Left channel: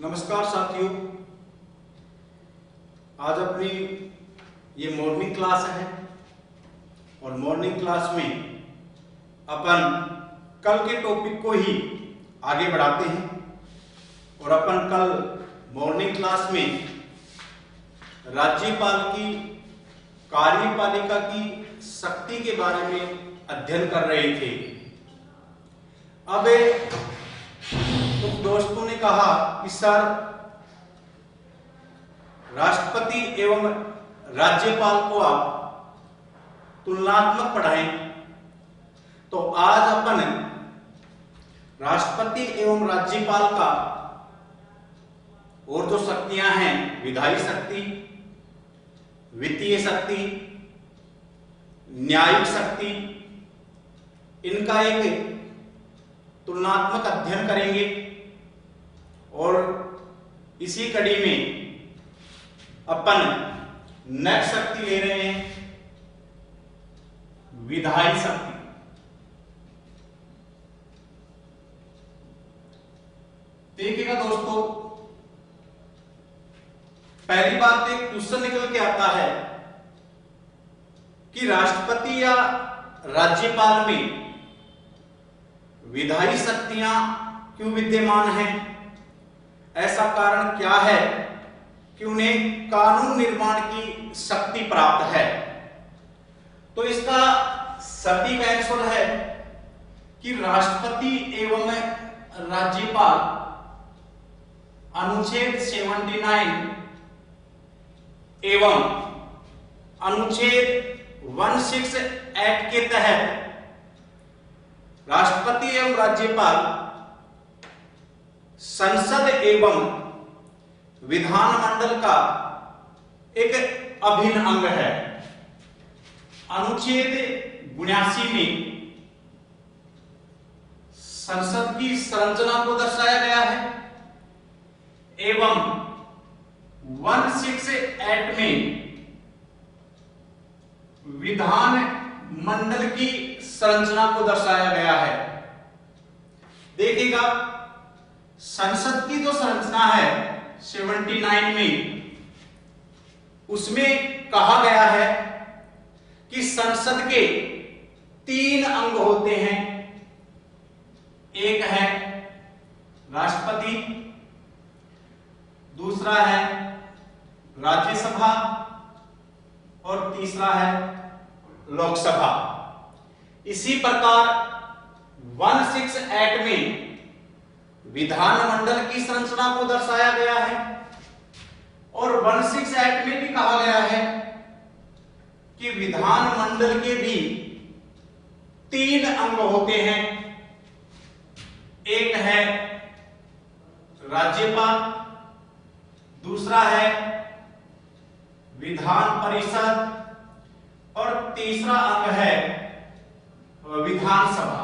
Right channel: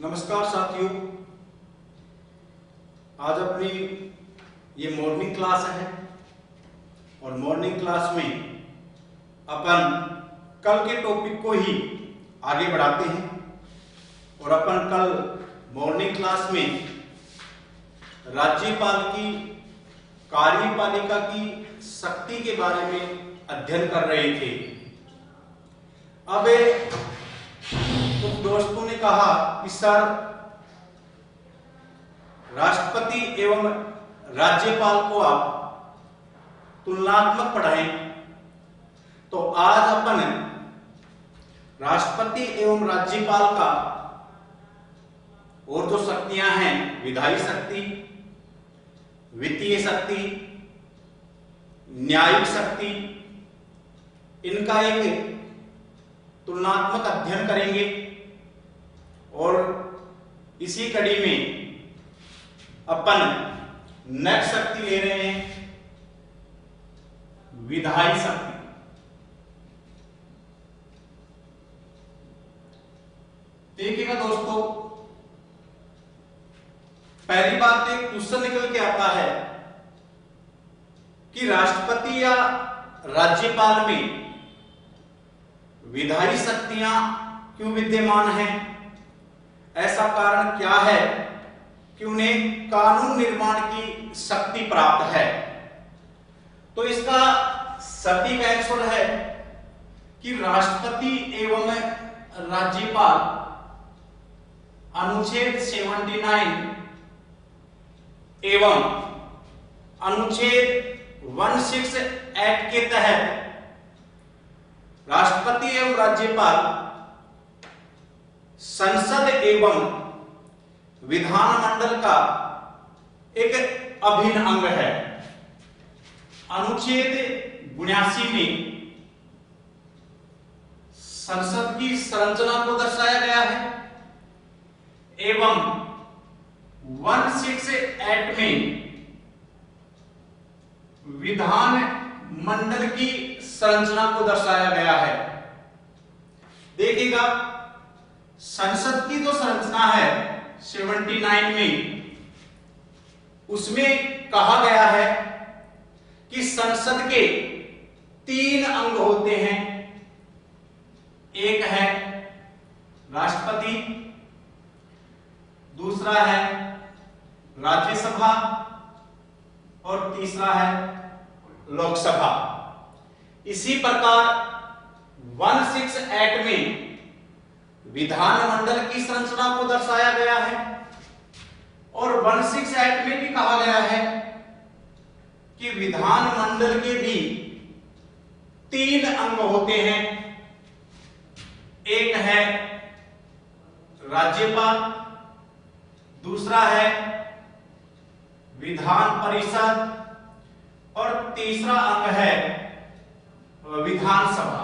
नमस्कार साथियों, आज अपनी ये मॉर्निंग क्लास है और मॉर्निंग क्लास में अपन कल के टॉपिक को ही आगे बढ़ाते हैं। और अपन कल मॉर्निंग क्लास में राज्यपाल की कार्यपालिका की शक्ति के बारे में अध्ययन कर रहे थे। अब कुछ दोस्तों ने कहा कि सर, राष्ट्रपति एवं राज्यपाल को आप तुलनात्मक पढ़ाएं। तो आज अपन राष्ट्रपति एवं राज्यपाल का और जो शक्तियां हैं, विधायी शक्ति, वित्तीय शक्ति, न्यायिक शक्ति, इनका एक तुलनात्मक अध्ययन करेंगे। और इसी कड़ी में अपन नेक्स्ट शक्ति ले रहे हैं, विधायी शक्ति। देखिएगा दोस्तों, पहली बात एक क्वेश्चन निकल के आता है कि राष्ट्रपति या राज्यपाल में विधायी शक्तियां क्यों विद्यमान हैं? ऐसा कारण क्या है कि उन्हें कानून निर्माण की शक्ति प्राप्त है? तो इसका सटीक आंसर है कि राष्ट्रपति एवं राज्यपाल अनुच्छेद 79 एवं अनुच्छेद 16 एक्ट के तहत राष्ट्रपति एवं राज्यपाल संसद एवं विधानमंडल का एक अभिन्न अंग है। अनुच्छेद 79 में संसद की संरचना को दर्शाया गया है एवं 16 एक्ट में विधान मंडल की संरचना को दर्शाया गया है। देखिएगा, संसद की जो संरचना है 79 में, उसमें कहा गया है कि संसद के 3 अंग होते हैं। एक है राष्ट्रपति, दूसरा है राज्यसभा और तीसरा है लोकसभा। इसी प्रकार 16 एक्ट में विधानमंडल की संरचना को दर्शाया गया है और 16 एक्ट में भी कहा गया है कि विधानमंडल के भी 3 अंग होते हैं। एक है राज्यपाल, दूसरा है विधान परिषद और तीसरा अंग है विधानसभा।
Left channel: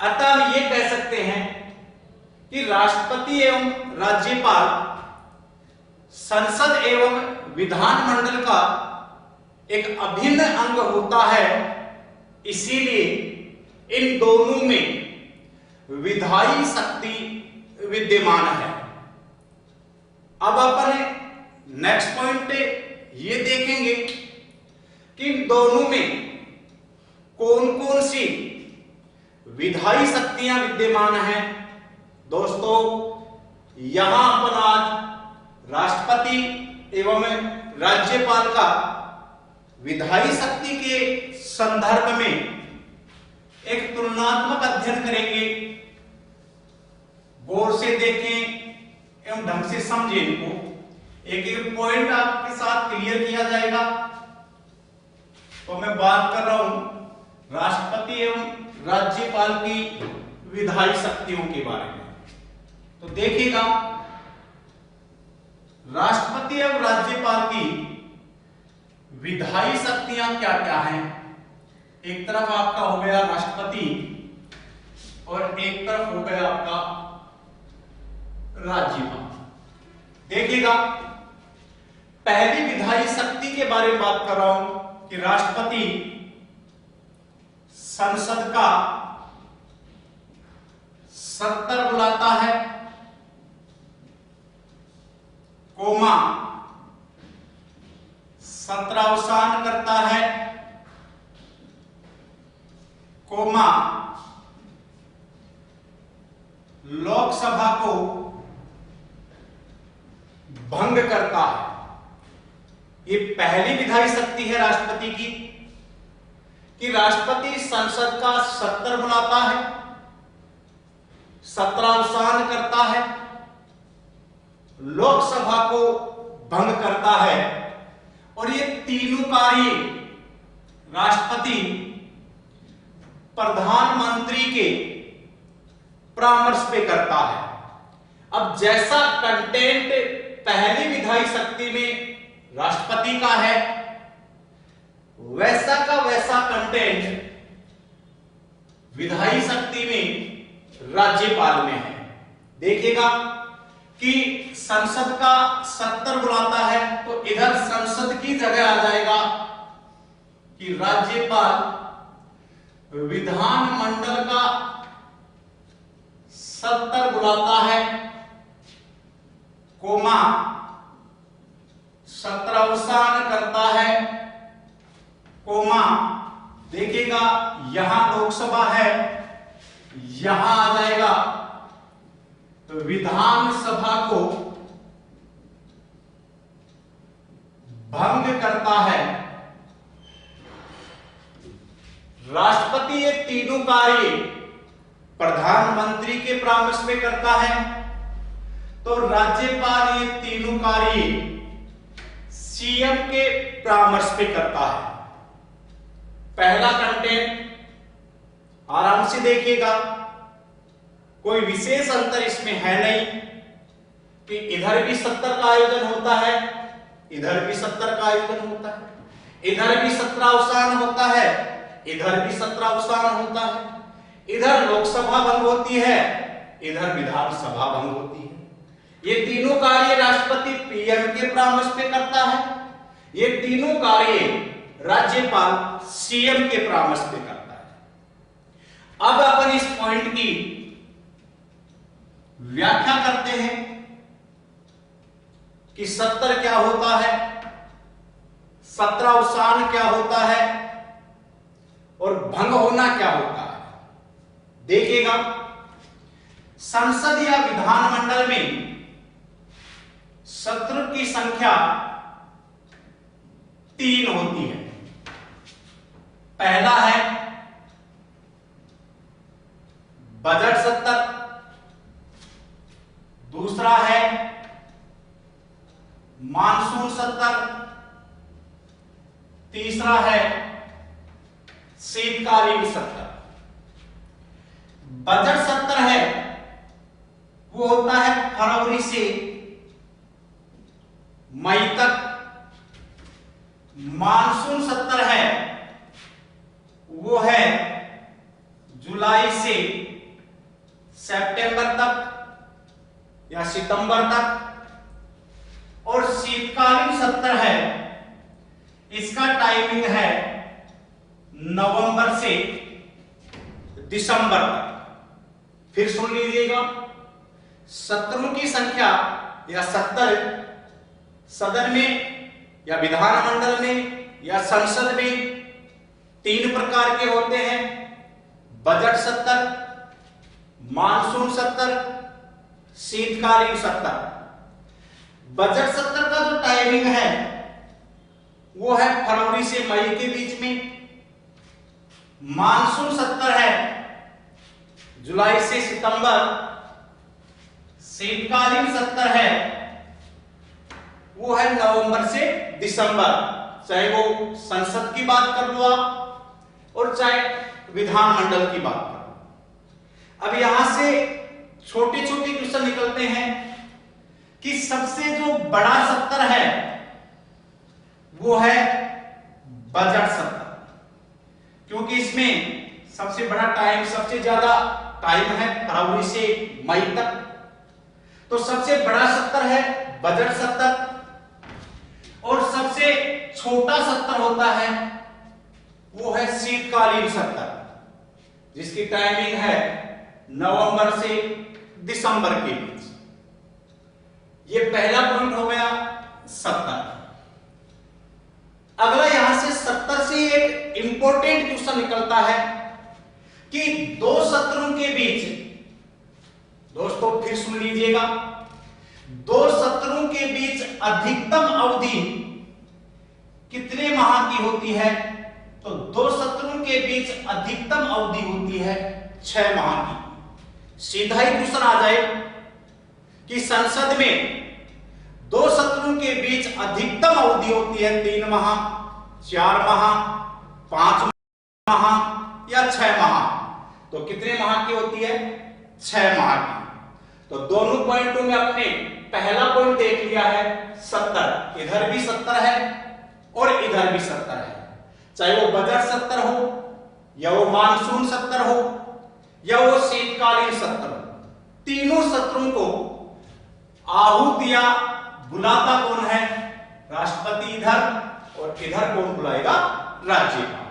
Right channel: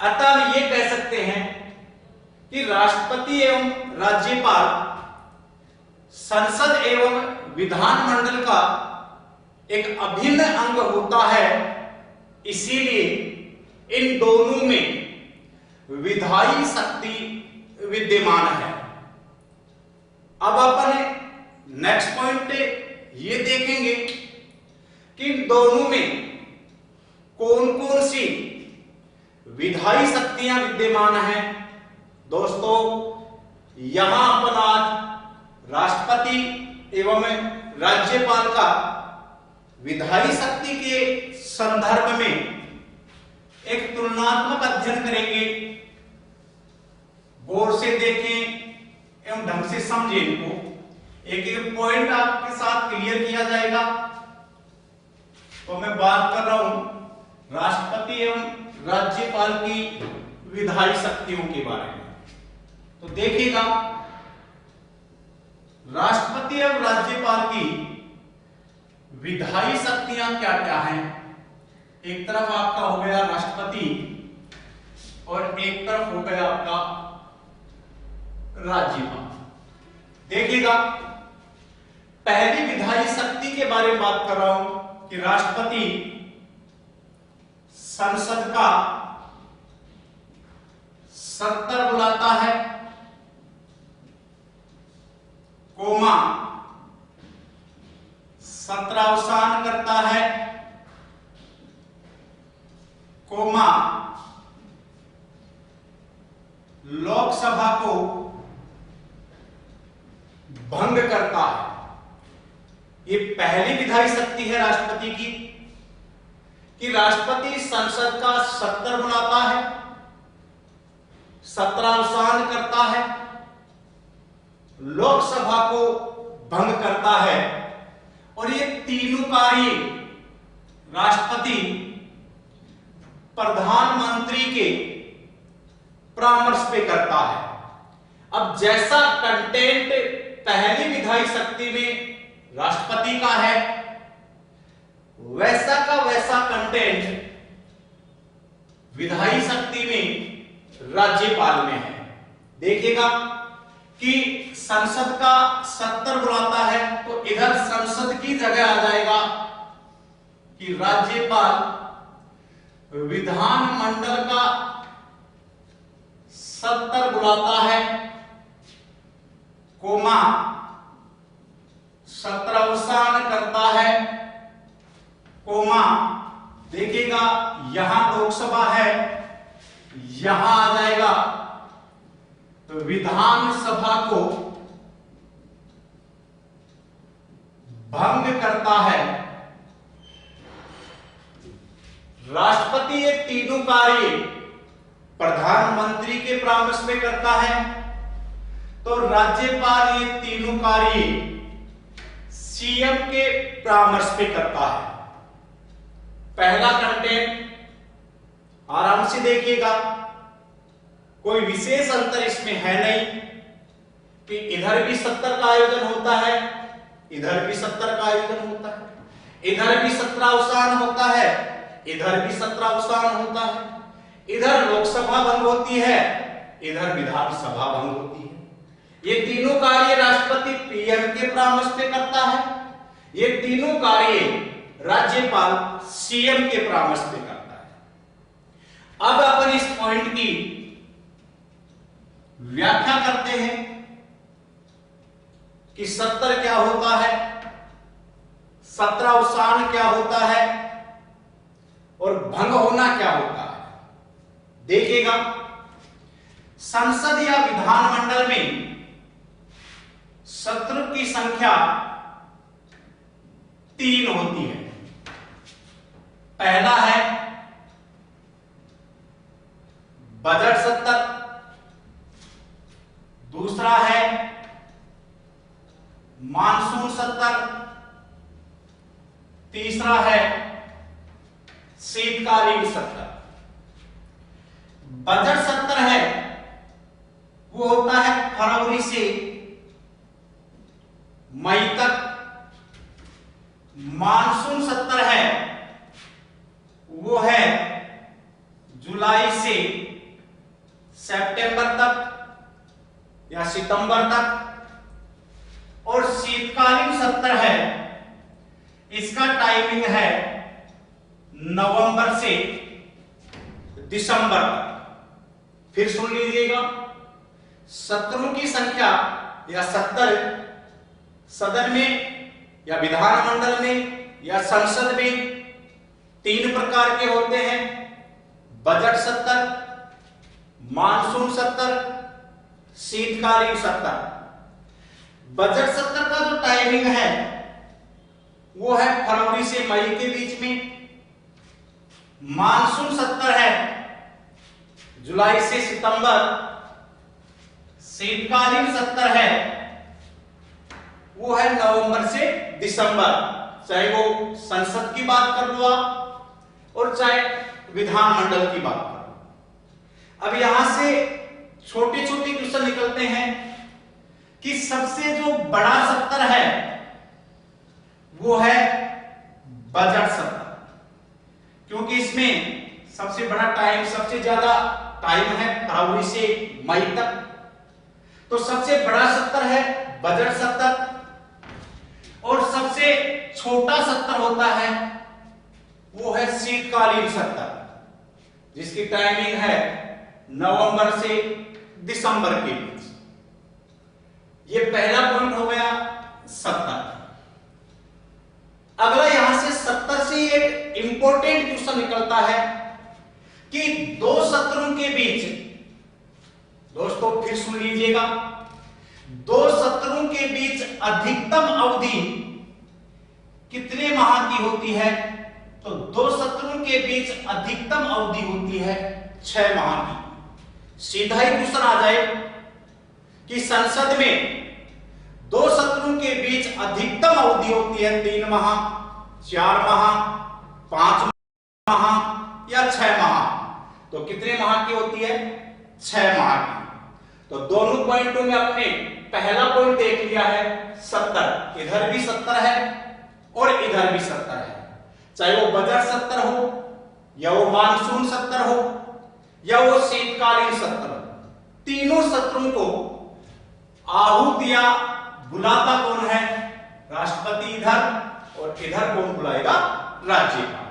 अतः हम ये कह सकते हैं कि राष्ट्रपति एवं राज्यपाल संसद एवं विधानमंडल का एक अभिन्न अंग होता है। इसीलिए इन दोनों में विधायी शक्ति विद्यमान है। अब अपन नेक्स्ट पॉइंट ये देखेंगे कि इन दोनों में कौन कौन सी विधायी शक्तियां विद्यमान हैं। दोस्तों, यहां अपन आज राष्ट्रपति एवं राज्यपाल का विधायी शक्ति के संदर्भ में एक तुलनात्मक अध्ययन करेंगे। गौर से देखें एवं ढंग से समझें इनको। एक एक पॉइंट आपके साथ क्लियर किया जाएगा। तो मैं बात कर रहा हूं राष्ट्रपति एवं राज्यपाल की विधायी शक्तियों के बारे में। तो देखिएगा, राष्ट्रपति एवं राज्यपाल की विधायी शक्तियां क्या क्या हैं। एक तरफ आपका हो गया राष्ट्रपति और एक तरफ हो गया आपका राज्यपाल। देखिएगा, पहली विधायी शक्ति के बारे में बात कर रहा हूं कि राष्ट्रपति संसद का 70 बुलाता है, कोमा 17 अवसान करता है, कोमा लोकसभा को भंग करता है। ये पहली विधायी शक्ति है राष्ट्रपति की कि राष्ट्रपति संसद का 70 बुलाता है, 17 अवसान करता है, लोकसभा को भंग करता है, और ये तीनों कार्य राष्ट्रपति प्रधानमंत्री के परामर्श पे करता है। अब जैसा कंटेंट पहली विधायी शक्ति में राष्ट्रपति का है, वैसा का वैसा कंटेंट विधायी शक्ति में राज्यपाल में है। देखिएगा कि संसद का 70 बुलाता है तो इधर संसद की जगह आ जाएगा कि राज्यपाल विधानमंडल का 70 बुलाता है, कोमा 17 अवसान करता है, कोमा देखिएगा यहां लोकसभा है, यहां आ जाएगा तो विधानसभा को भंग करता है। राष्ट्रपति ये तीनों कार्य प्रधानमंत्री के परामर्श में करता है, तो राज्यपाल ये तीनों कार्य सीएम के परामर्श पे करता है। पहला कंटेंट आराम से देखिएगा, कोई विशेष अंतर इसमें है नहीं कि इधर भी 70 का आयोजन होता है, इधर भी 70 का आयोजन होता है, इधर भी 17 अवसान होता है, इधर भी 17 अवसान होता है, इधर लोकसभा भंग होती है, इधर विधानसभा भंग होती है। ये तीनों कार्य राष्ट्रपति पीएम के परामर्श पे करता है, ये तीनों कार्य राज्यपाल सीएम के परामर्श पे करता है। अब अपन इस पॉइंट की व्याख्या करते हैं कि 70 क्या होता है, 17 अवसान क्या होता है और भंग होना क्या होता है। देखिएगा, संसद या विधानमंडल में सत्र की संख्या 3 होती है। पहला है बजट सत्र, दूसरा है मानसून सत्र, तीसरा है शीतकालीन सत्र। बजट सत्र है वो होता है फरवरी से मई तक, मानसून सत्र है वो है जुलाई से सितंबर तक या सितंबर तक, और शीतकालीन सत्र है इसका टाइमिंग है नवंबर से दिसंबर तक। फिर सुन लीजिएगा, सत्रों की संख्या या सत्र सदन में या विधानमंडल में या संसद में 3 प्रकार के होते हैं, बजट सत्र, मानसून सत्र, शीतकालीन सत्र। बजट सत्र का जो टाइमिंग है वो है फरवरी से मई के बीच में, मानसून सत्र है जुलाई से सितंबर, शीतकालीन सत्र है वो है नवंबर से दिसंबर, चाहे वो संसद की बात कर लो आप और चाहे विधानमंडल की बात कर लो। अब यहां से छोटे छोटे क्वेश्चन निकलते हैं कि सबसे जो बड़ा सत्र है वो है बजट सत्र, क्योंकि इसमें सबसे बड़ा टाइम, सबसे ज्यादा टाइम है फरवरी से मई तक, तो सबसे बड़ा सत्र है बजट सत्र। और सबसे छोटा सत्र होता है वो है शीतकालीन सत्र, जिसकी टाइमिंग है नवंबर से दिसंबर के बीच। ये पहला पॉइंट हो गया 70। अगला यहां से 70 से एक इंपॉर्टेंट क्वेश्चन निकलता है कि दो सत्रों के बीच, दोस्तों फिर सुन लीजिएगा, दो सत्रों के बीच अधिकतम अवधि कितने माह की होती है? तो दो सत्रों के बीच अधिकतम अवधि होती है 6 माह की। सीधा ही क्वेश्चन आ जाए कि संसद में दो सत्रों के बीच अधिकतम अवधि होती है 3 माह, 4 माह, 5 माह या 6 माह। तो कितने माह की होती है? 6 माह की। तो दोनों पॉइंटों में अपने पहला पॉइंट देख लिया है 70, इधर भी 70 है और इधर भी 70 है। चाहे वो बजट 70 हो या वो मानसून 70 हो या वो शीतकालीन सत्र हो, तीनों सत्रों को आहूत या बुलाता कौन है? राष्ट्रपति इधर और इधर कौन बुलाएगा? राज्यपाल।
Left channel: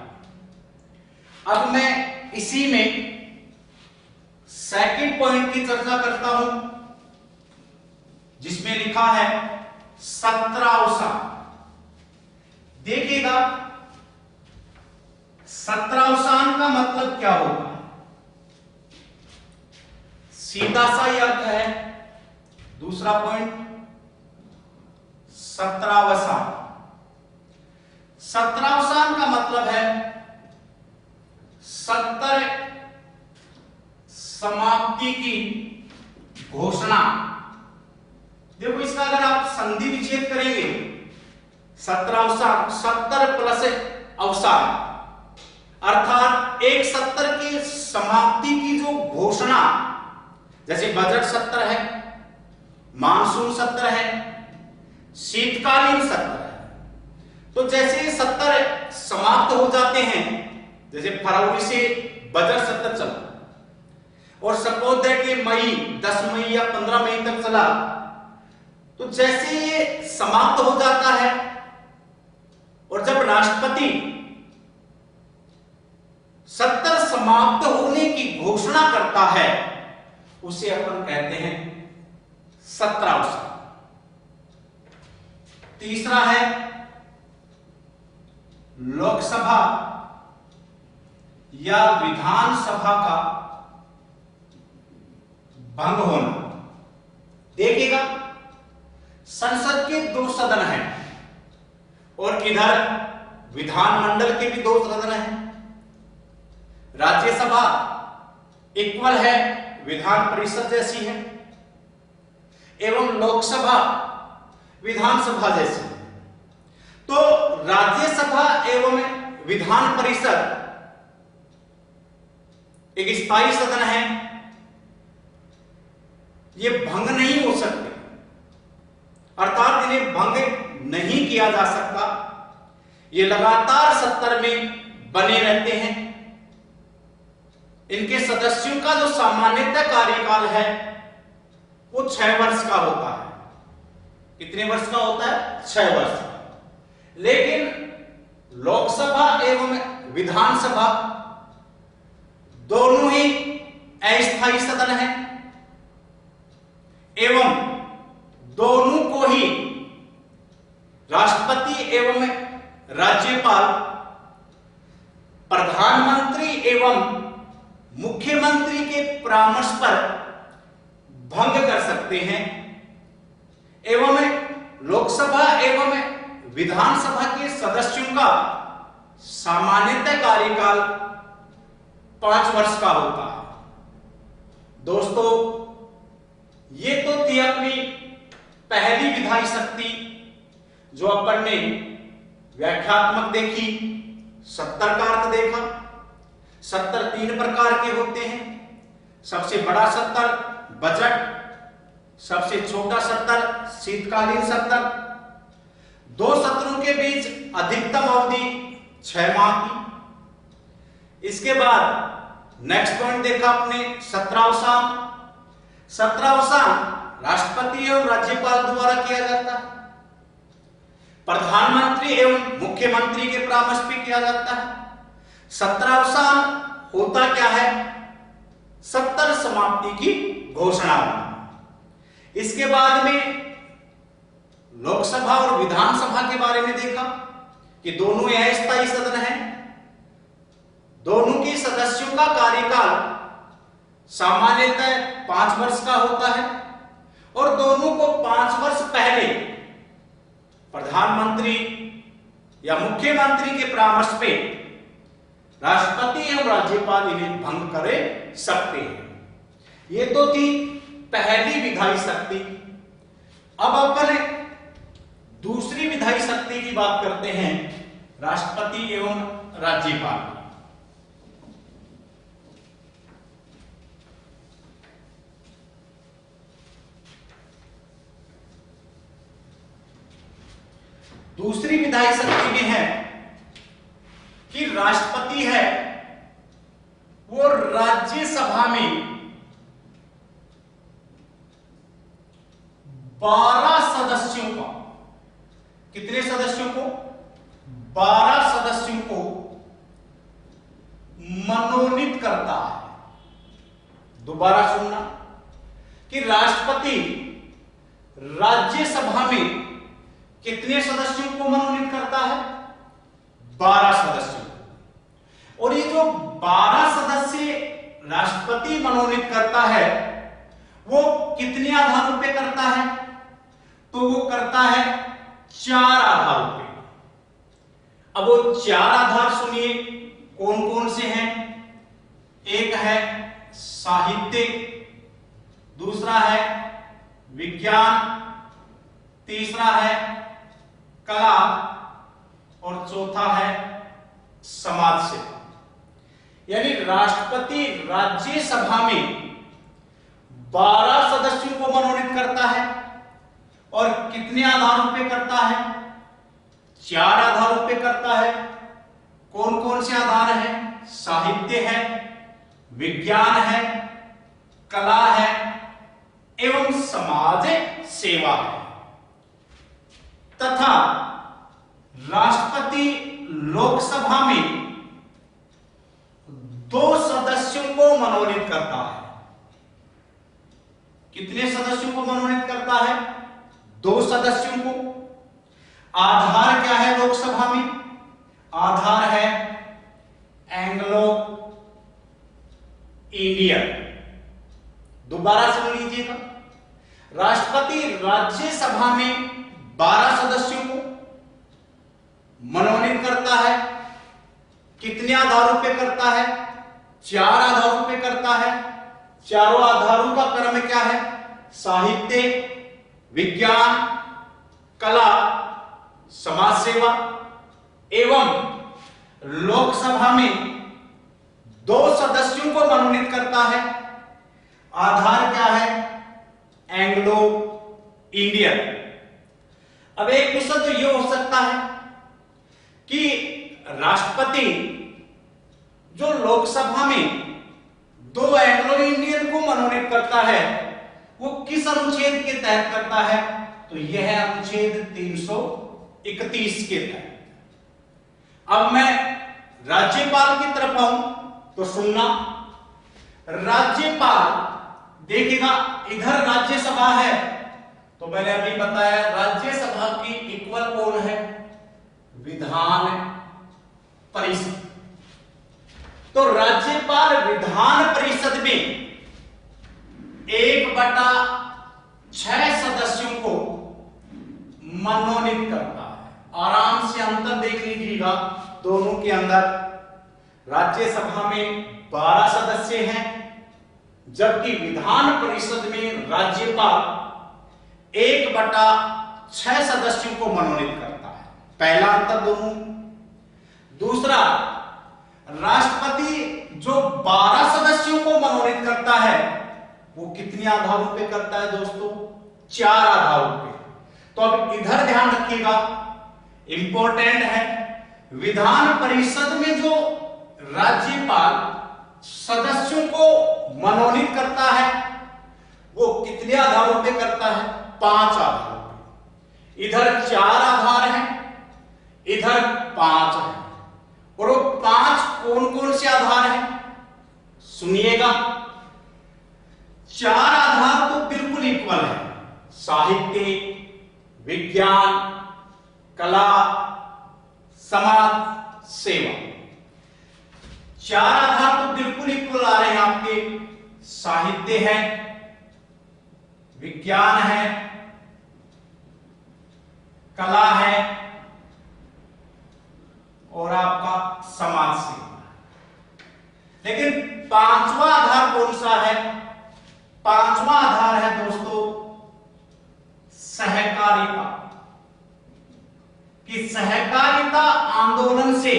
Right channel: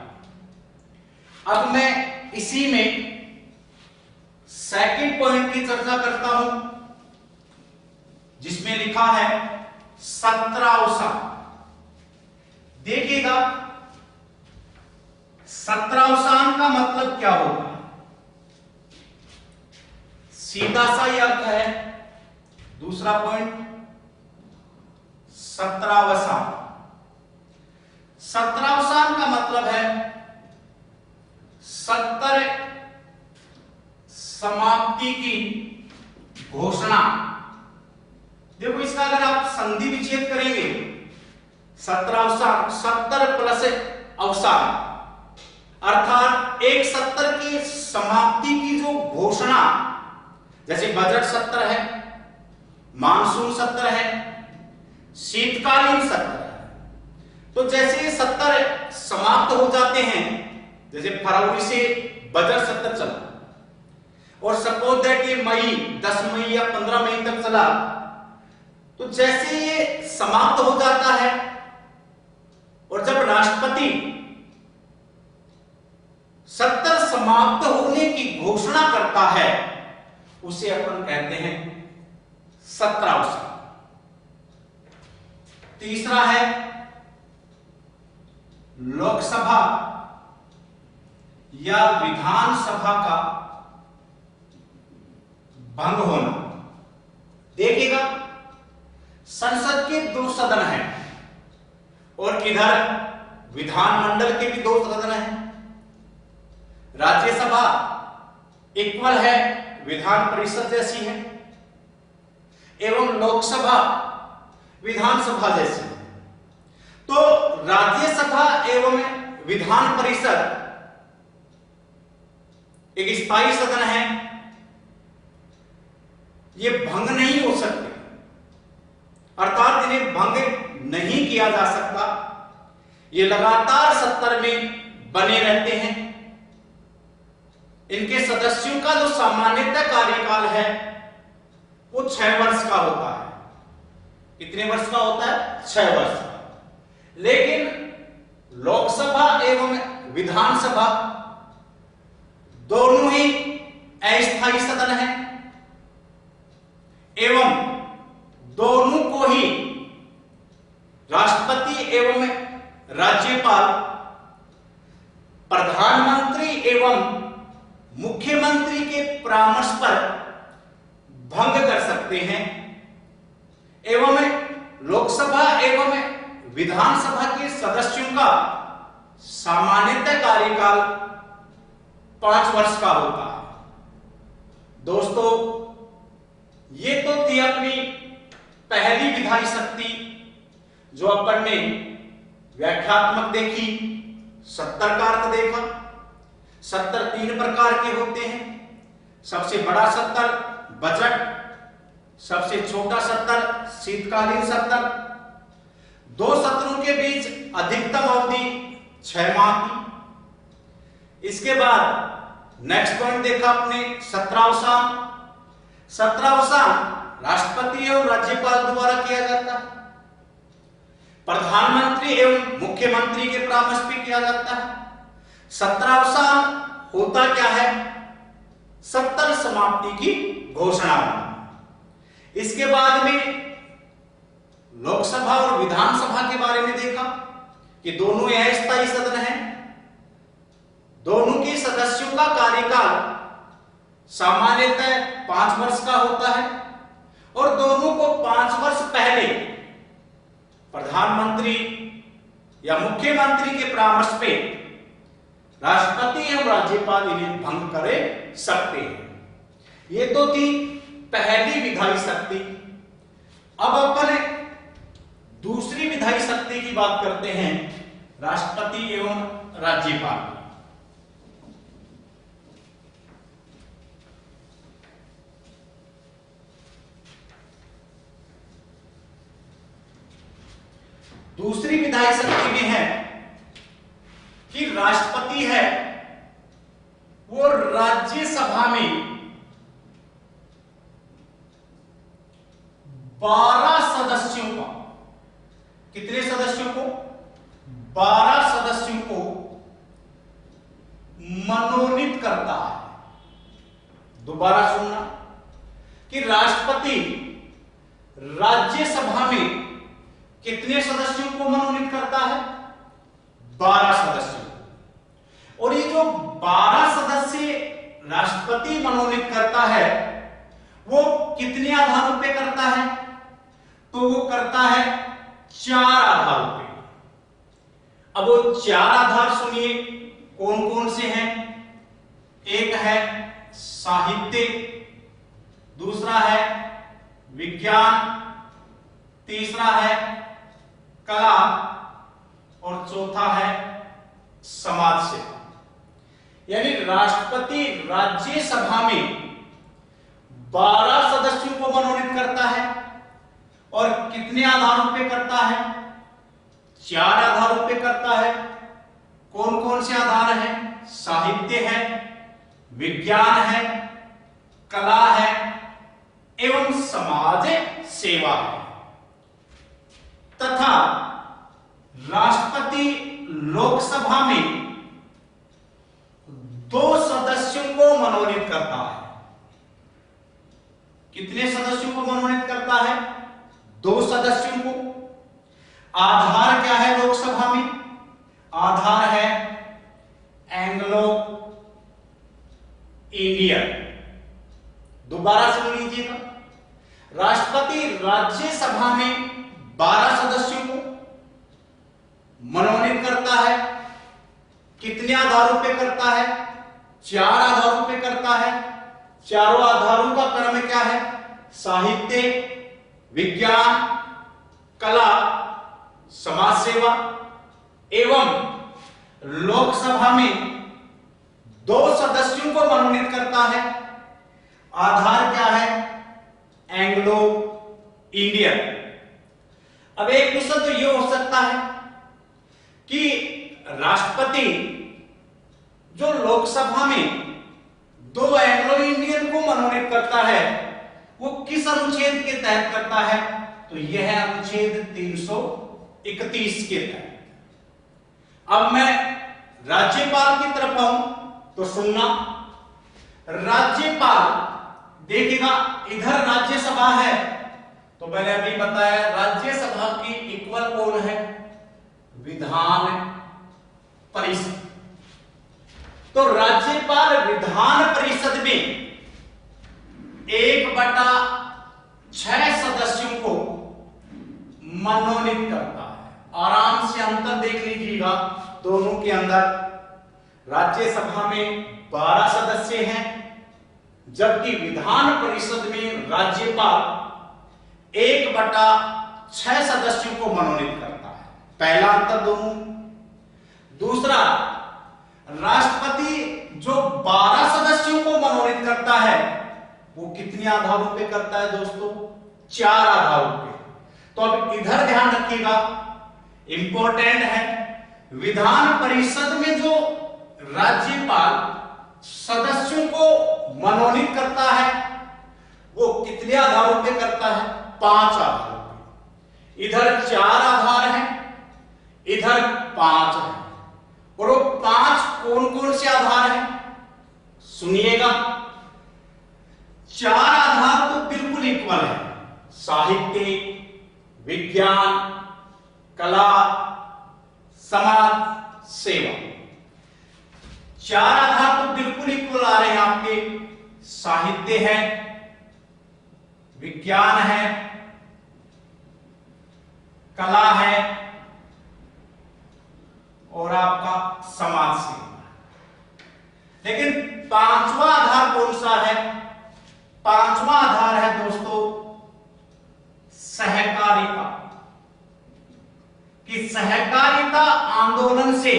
अब मैं इसी में सेकंड पॉइंट की चर्चा करता हूं जिसमें लिखा है सत्रावसान। देखिएगा सत्रावसान का मतलब क्या होगा? सीधा सा ही अर्थ है। दूसरा पॉइंट सत्रावसान। सत्रावसान का मतलब है सत्र समाप्ति की घोषणा। देखो इसका अगर आप संधि विच्छेद करेंगे, सत्रावसान, सत्र प्लस अवसान, अर्थात एक सत्र की समाप्ति की जो घोषणा, जैसे बजट सत्र है, मानसून सत्र है, शीतकालीन सत्र है। तो जैसे ये सत्र समाप्त हो जाते हैं, जैसे फरवरी से बजट सत्र चला और सपोज दैट कि मई 10 मई या 15 मई तक चला, तो जैसे ये समाप्त हो जाता है और जब राष्ट्रपति सत्र समाप्त होने की घोषणा करता है, उसे अपन कहते हैं सत्रावसान। तीसरा है लोकसभा या विधानसभा का भंग होना। देखिएगा संसद के 2 सदन हैं और इधर विधानमंडल के भी 2 सदन हैं। राज्यसभा इक्वल है, विधान परिषद जैसी है, एवं लोकसभा विधानसभा जैसी है। तो राज्यसभा एवं विधान परिषद एक स्थायी सदन है, ये भंग नहीं हो सकते, अर्थात इन्हें भंग नहीं किया जा सकता। ये लगातार सत्र में बने रहते हैं। इनके सदस्यों का जो सामान्यतः कार्यकाल है वो 6 वर्ष का होता है। कितने वर्ष का होता है? 6 वर्ष का। लेकिन लोकसभा एवं विधानसभा दोनों ही अस्थायी सदन हैं एवं दोनों को ही राष्ट्रपति एवं राज्यपाल प्रधानमंत्री एवं मुख्यमंत्री के परामर्श पर भंग कर सकते हैं। एवं लोकसभा एवं विधानसभा के सदस्यों का सामान्यतः कार्यकाल 5 वर्ष का होता है। दोस्तों ये तो थी अपनी पहली विधायी शक्ति जो अपन ने व्याख्यात्मक देखी, सत्तर का अर्थ देखा। सत्तर 3 प्रकार के होते हैं। सबसे बड़ा सत्तर बजट, सबसे छोटा सत्तर शीतकालीन सत्र। 2 सत्रों के बीच अधिकतम अवधि 6 माह की। इसके बाद नेक्स्ट पॉइंट देखा अपने सत्रावसान। सत्रावसान राष्ट्रपति एवं राज्यपाल द्वारा किया जाता है। प्रधानमंत्री एवं मुख्यमंत्री के परामर्श पे किया जाता है। सत्रावसान होता क्या है? सत्तर समाप्ति की घोषणा हुई। इसके बाद में लोकसभा और विधानसभा के बारे में देखा कि दोनों अस्थायी सदन हैं। दोनों के सदस्यों का कार्यकाल सामान्यतः 5 वर्ष का होता है और दोनों को 5 वर्ष पहले प्रधानमंत्री या मुख्यमंत्री के परामर्श पे राष्ट्रपति एवं राज्यपाल इन्हें भंग करे सकते हैं। ये तो थी पहली विधायी शक्ति। अब अपन दूसरी विधायी शक्ति की बात करते हैं, राष्ट्रपति एवं राज्यपाल। दूसरी विधायी शक्ति में है कि राष्ट्रपति है वो राज्यसभा में 12 सदस्यों का, कितने सदस्यों को? 12 सदस्यों को मनोनीत करता है। दोबारा सुनना कि राष्ट्रपति राज्यसभा में कितने सदस्यों को मनोनीत करता है? 12 सदस्यों। और ये जो 12 सदस्य राष्ट्रपति मनोनीत करता है वो कितने आधारों पे करता है? तो वो करता है 4 आधारों पे। अब वो 4 आधार सुनिए कौन कौन से हैं। एक है साहित्य, दूसरा है विज्ञान, तीसरा है कला और चौथा है समाज सेवा। यानी राष्ट्रपति राज्यसभा में 12 सदस्यों को मनोनीत करता है और कितने आधारों पे करता है? 4 आधारों पे करता है। कौन कौन से आधार हैं? साहित्य है, विज्ञान है, कला है एवं समाज सेवा है। तथा राष्ट्रपति लोकसभा में 2 सदस्यों को मनोनीत करता है। कितने सदस्यों को मनोनीत करता है? 2 सदस्यों को। आधार क्या है लोकसभा में? आधार है एंग्लो इंडियन। दोबारा सुन लीजिएगा, राष्ट्रपति राज्यसभा में 12 सदस्यों को मनोनीत करता है। कितने आधारों पे करता है? 4 आधारों पे करता है। चारों आधारों का क्रम क्या है? साहित्य, विज्ञान, कला, समाज सेवा। एवं लोकसभा में 2 सदस्यों को मनोनीत करता है। आधार क्या है? Anglo Indian. अब एक क्वेश्चन तो यह हो सकता है कि राष्ट्रपति जो लोकसभा में 2 एंग्लो इंडियन को मनोनीत करता है वो किस अनुच्छेद के तहत करता है? तो यह है अनुच्छेद 331 के तहत। अब मैं राज्यपाल की तरफ आऊं तो सुनना, राज्यपाल देखिएगा इधर राज्यसभा है तो मैंने अभी बताया राज्यसभा की इक्वल कौन है? विधान परिषद। तो राज्यपाल विधान परिषद में 1/6 सदस्यों को मनोनीत करता है। आराम से अंतर देख लीजिएगा दोनों के अंदर। राज्यसभा में 12 सदस्य हैं जबकि विधान परिषद में राज्यपाल 1/6 सदस्यों को मनोनीत करता है। पहला अंतर दोनों। दूसरा, राष्ट्रपति जो 12 सदस्यों को मनोनीत करता है वो कितने आधारों पे करता है दोस्तों? 4 आधारों पे। तो अब इधर ध्यान रखिएगा, इंपॉर्टेंट है, विधान परिषद में जो राज्यपाल सदस्यों को मनोनीत करता है वो कितने आधारों पे करता है? 5 आधारों पे। इधर 4 आधार हैं, इधर 5 है। और वो 5 कौन कौन से आधार हैं? सुनिएगा, चार आधार तो बिल्कुल इक्वल है, साहित्य, विज्ञान, कला, समाज सेवा। चार आधार तो बिल्कुल इक्वल आ रहे हैं आपके, साहित्य है, विज्ञान है, कला है और आपका समाज सेवा। लेकिन पांचवा आधार कौन सा है? पांचवा आधार है दोस्तों सहकारिता। कि सहकारिता आंदोलन से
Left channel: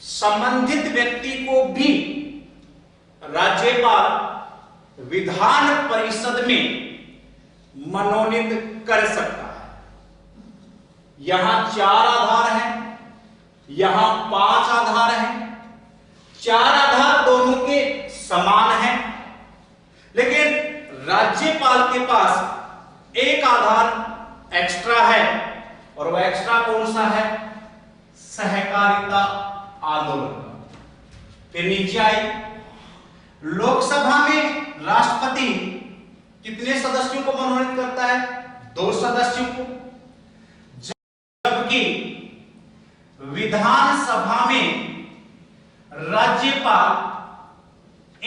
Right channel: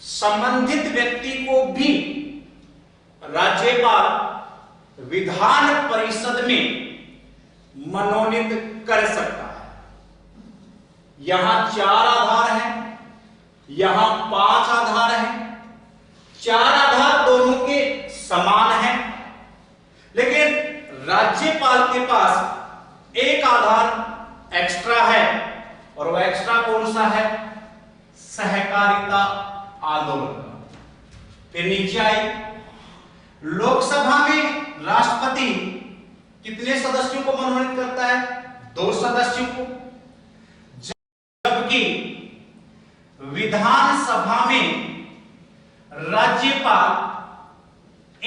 संबंधित व्यक्ति को भी राज्यपाल विधान परिषद में मनोनीत कर सकता है। यहां चार आधार हैं, यहां पांच आधार हैं। चार आधार दोनों के समान हैं, लेकिन राज्यपाल के पास एक आधार एक्स्ट्रा है, और वह एक्स्ट्रा कौन सा है? सहकारिता आंदोलन। फिर नीचे आई, लोकसभा में राष्ट्रपति कितने सदस्यों को मनोनीत करता है? 2 सदस्यों को। जबकि विधानसभा में राज्यपाल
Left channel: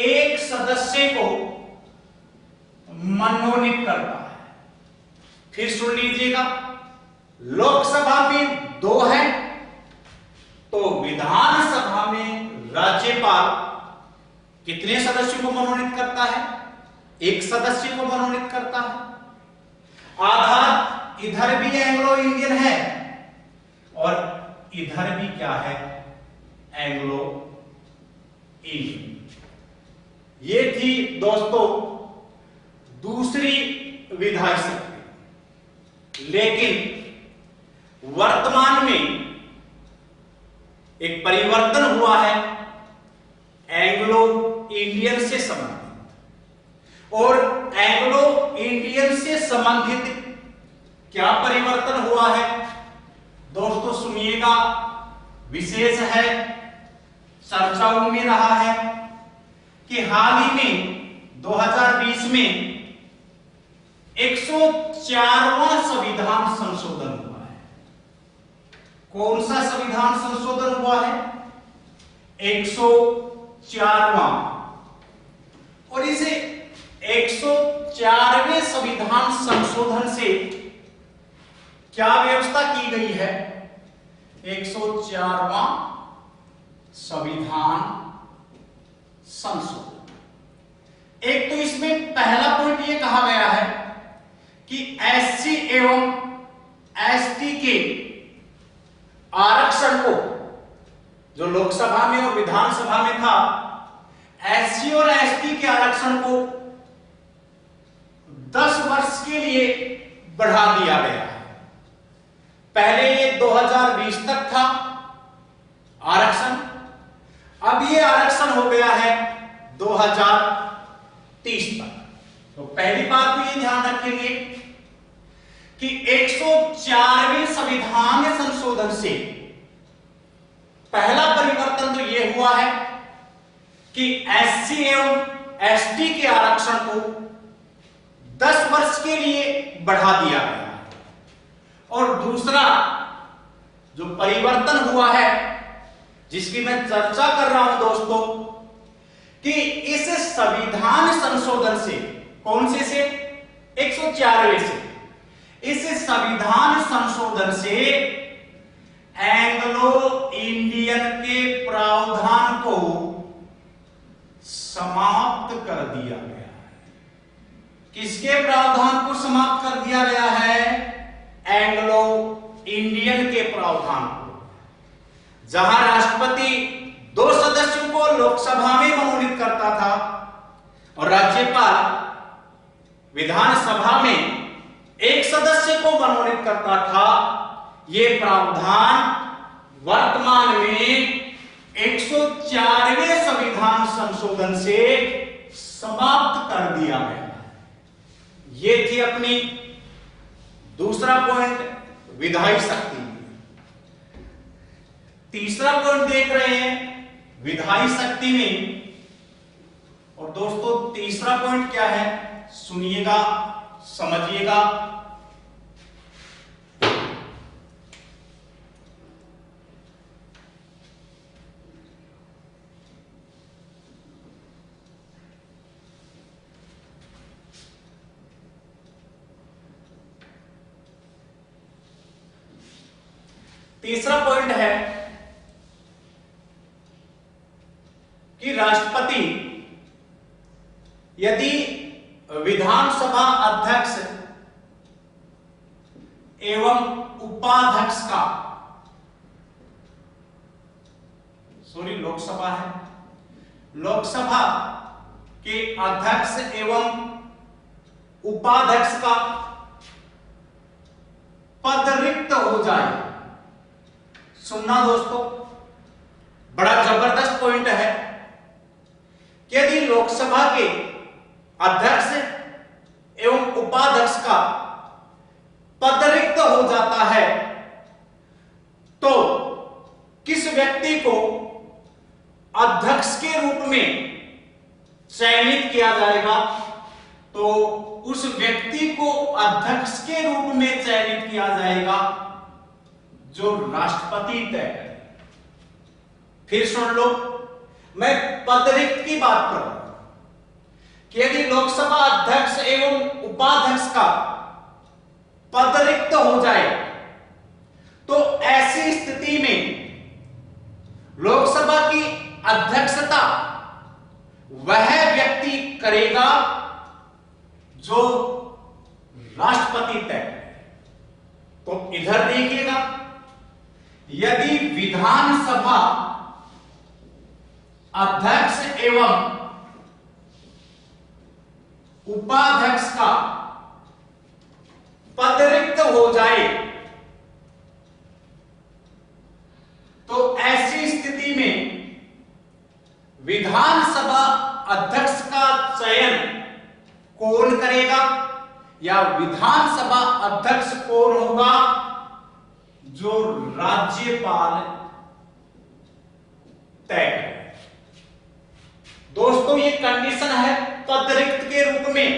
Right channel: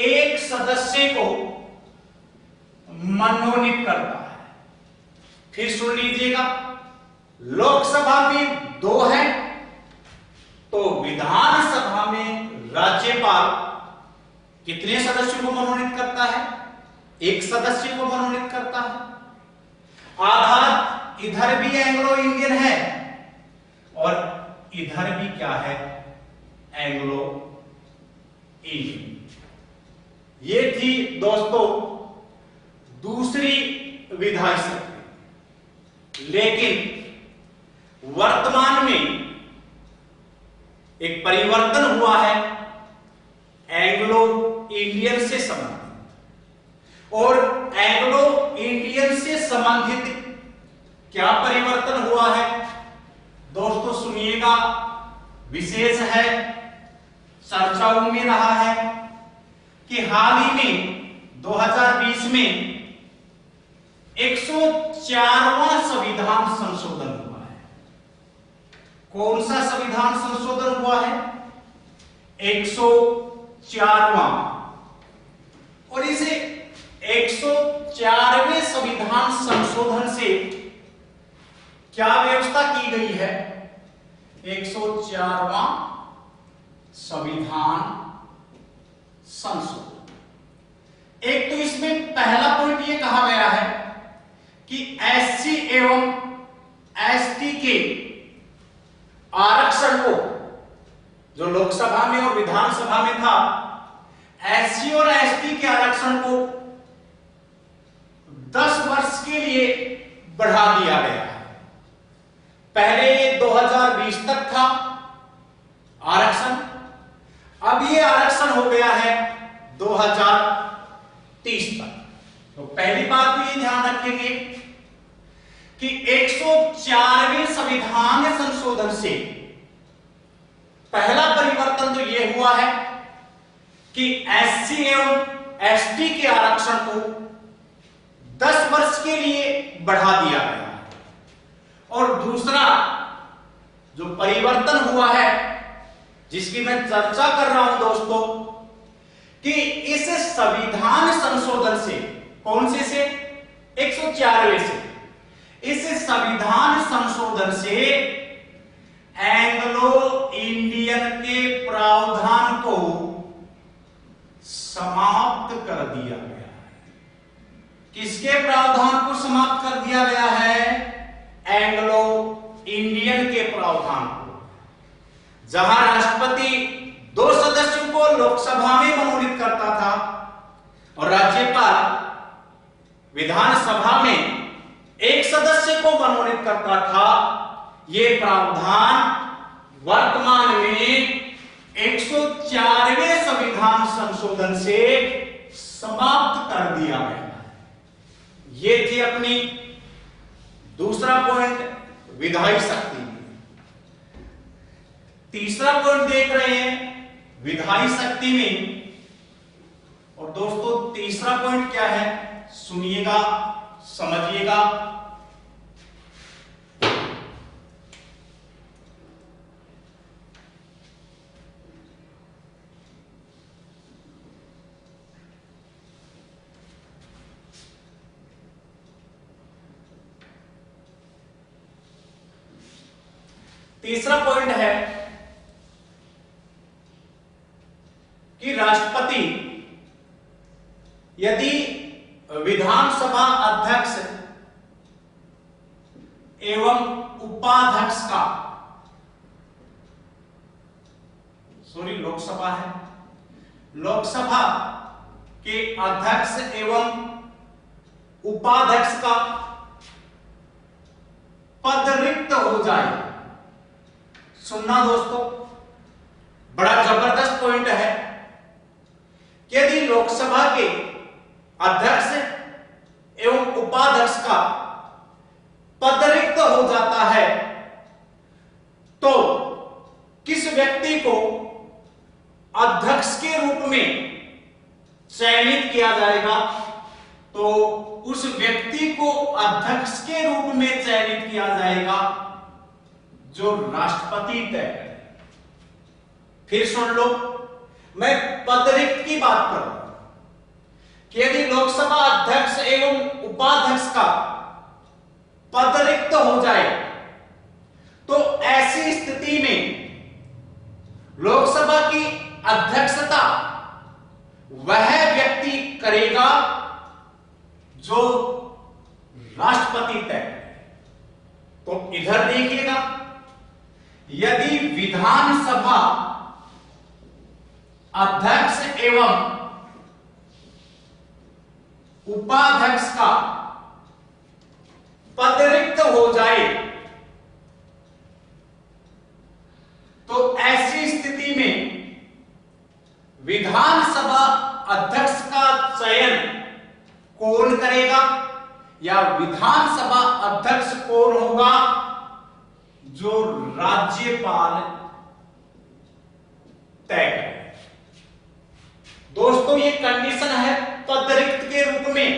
1 सदस्य को मनोनीत करता है। फिर सुन लीजिएगा, लोकसभा में 2 है, तो विधानसभा में राज्यपाल कितने सदस्यों को मनोनीत करता है? 1 सदस्य को मनोनीत करता है। आधार इधर भी एंग्लो इंडियन है और इधर भी क्या है? Anglo Indian. ये थी दोस्तों दूसरी विधायी शक्ति। लेकिन वर्तमान में एक परिवर्तन हुआ है एंग्लो इंडियन से संबंधित। और एंग्लो इंडियन से संबंधित क्या परिवर्तन हुआ है दोस्तों? सुनिएगा, विशेष है, चर्चाओं में रहा है कि हाल ही में 2020 में 104वां संविधान संशोधन हुआ है। कौन सा संविधान संशोधन हुआ है? 104वां। और इसे 104वें संविधान संशोधन से क्या व्यवस्था की गई है? 104वां संविधान संशोधन। एक तो इसमें पहला पॉइंट यह कहा गया है कि एससी एवं एसटी के आरक्षण को, जो लोकसभा में और विधानसभा में था, एससी और एसटी के आरक्षण को 10 वर्ष के लिए बढ़ा दिया गया है। पहले ये 2020 तक था आरक्षण, अब ये आरक्षण हो गया है 2030 तक। तो पहली बात तो ये ध्यान रखेंगे कि 104वें संविधान संशोधन से पहला परिवर्तन तो यह हुआ है कि एससी एवं एसटी के आरक्षण को 10 वर्ष के लिए बढ़ा दिया गया है। और दूसरा जो परिवर्तन हुआ है, जिसकी मैं चर्चा कर रहा हूं दोस्तों, कि इस संविधान संशोधन से, कौन से 104वें से, इस संविधान संशोधन से एंग्लो इंडियन के प्रावधान को समाप्त कर दिया गया है। किसके प्रावधान को समाप्त कर दिया गया है? एंग्लो इंडियन के प्रावधान को। जहां राष्ट्रपति 2 सदस्यों को लोकसभा में मनोनीत करता था और राज्यपाल विधानसभा में 1 सदस्य को मनोनीत करता था, यह प्रावधान वर्तमान में 104वें संविधान संशोधन से समाप्त कर दिया गया। यह थी अपनी दूसरा पॉइंट, विधायी शक्ति। तीसरा पॉइंट देख रहे हैं विधायी शक्ति में, और दोस्तों तीसरा पॉइंट क्या है, सुनिएगा, समझिएगा। तीसरा पॉइंट है कि राष्ट्रपति यदि विधानसभा अध्यक्ष एवं उपाध्यक्ष का, लोकसभा है, लोकसभा के अध्यक्ष एवं उपाध्यक्ष का पद रिक्त हो जाए। सुनना दोस्तों, बड़ा जबरदस्त पॉइंट है कि यदि लोकसभा के अध्यक्ष एवं उपाध्यक्ष का पद रिक्त हो जाता है तो किस व्यक्ति को अध्यक्ष के रूप में चयनित किया जाएगा, तो उस व्यक्ति को अध्यक्ष के रूप में चयनित किया जाएगा जो राष्ट्रपति तय करे। फिर सुन लो, मैं पद रिक्त की बात कर रहा हूं कि यदि लोकसभा अध्यक्ष एवं उपाध्यक्ष का पद रिक्त हो जाए तो ऐसी स्थिति में लोकसभा की अध्यक्षता वह व्यक्ति करेगा जो राष्ट्रपति तय करे। तो इधर देखिएगा, यदि विधानसभा अध्यक्ष एवं उपाध्यक्ष का पद रिक्त हो जाए तो ऐसी स्थिति में विधानसभा अध्यक्ष का चयन कौन करेगा, या विधानसभा अध्यक्ष कौन होगा, जो राज्यपाल तय करे। दोस्तों ये कंडीशन है पद रिक्त के रूप में,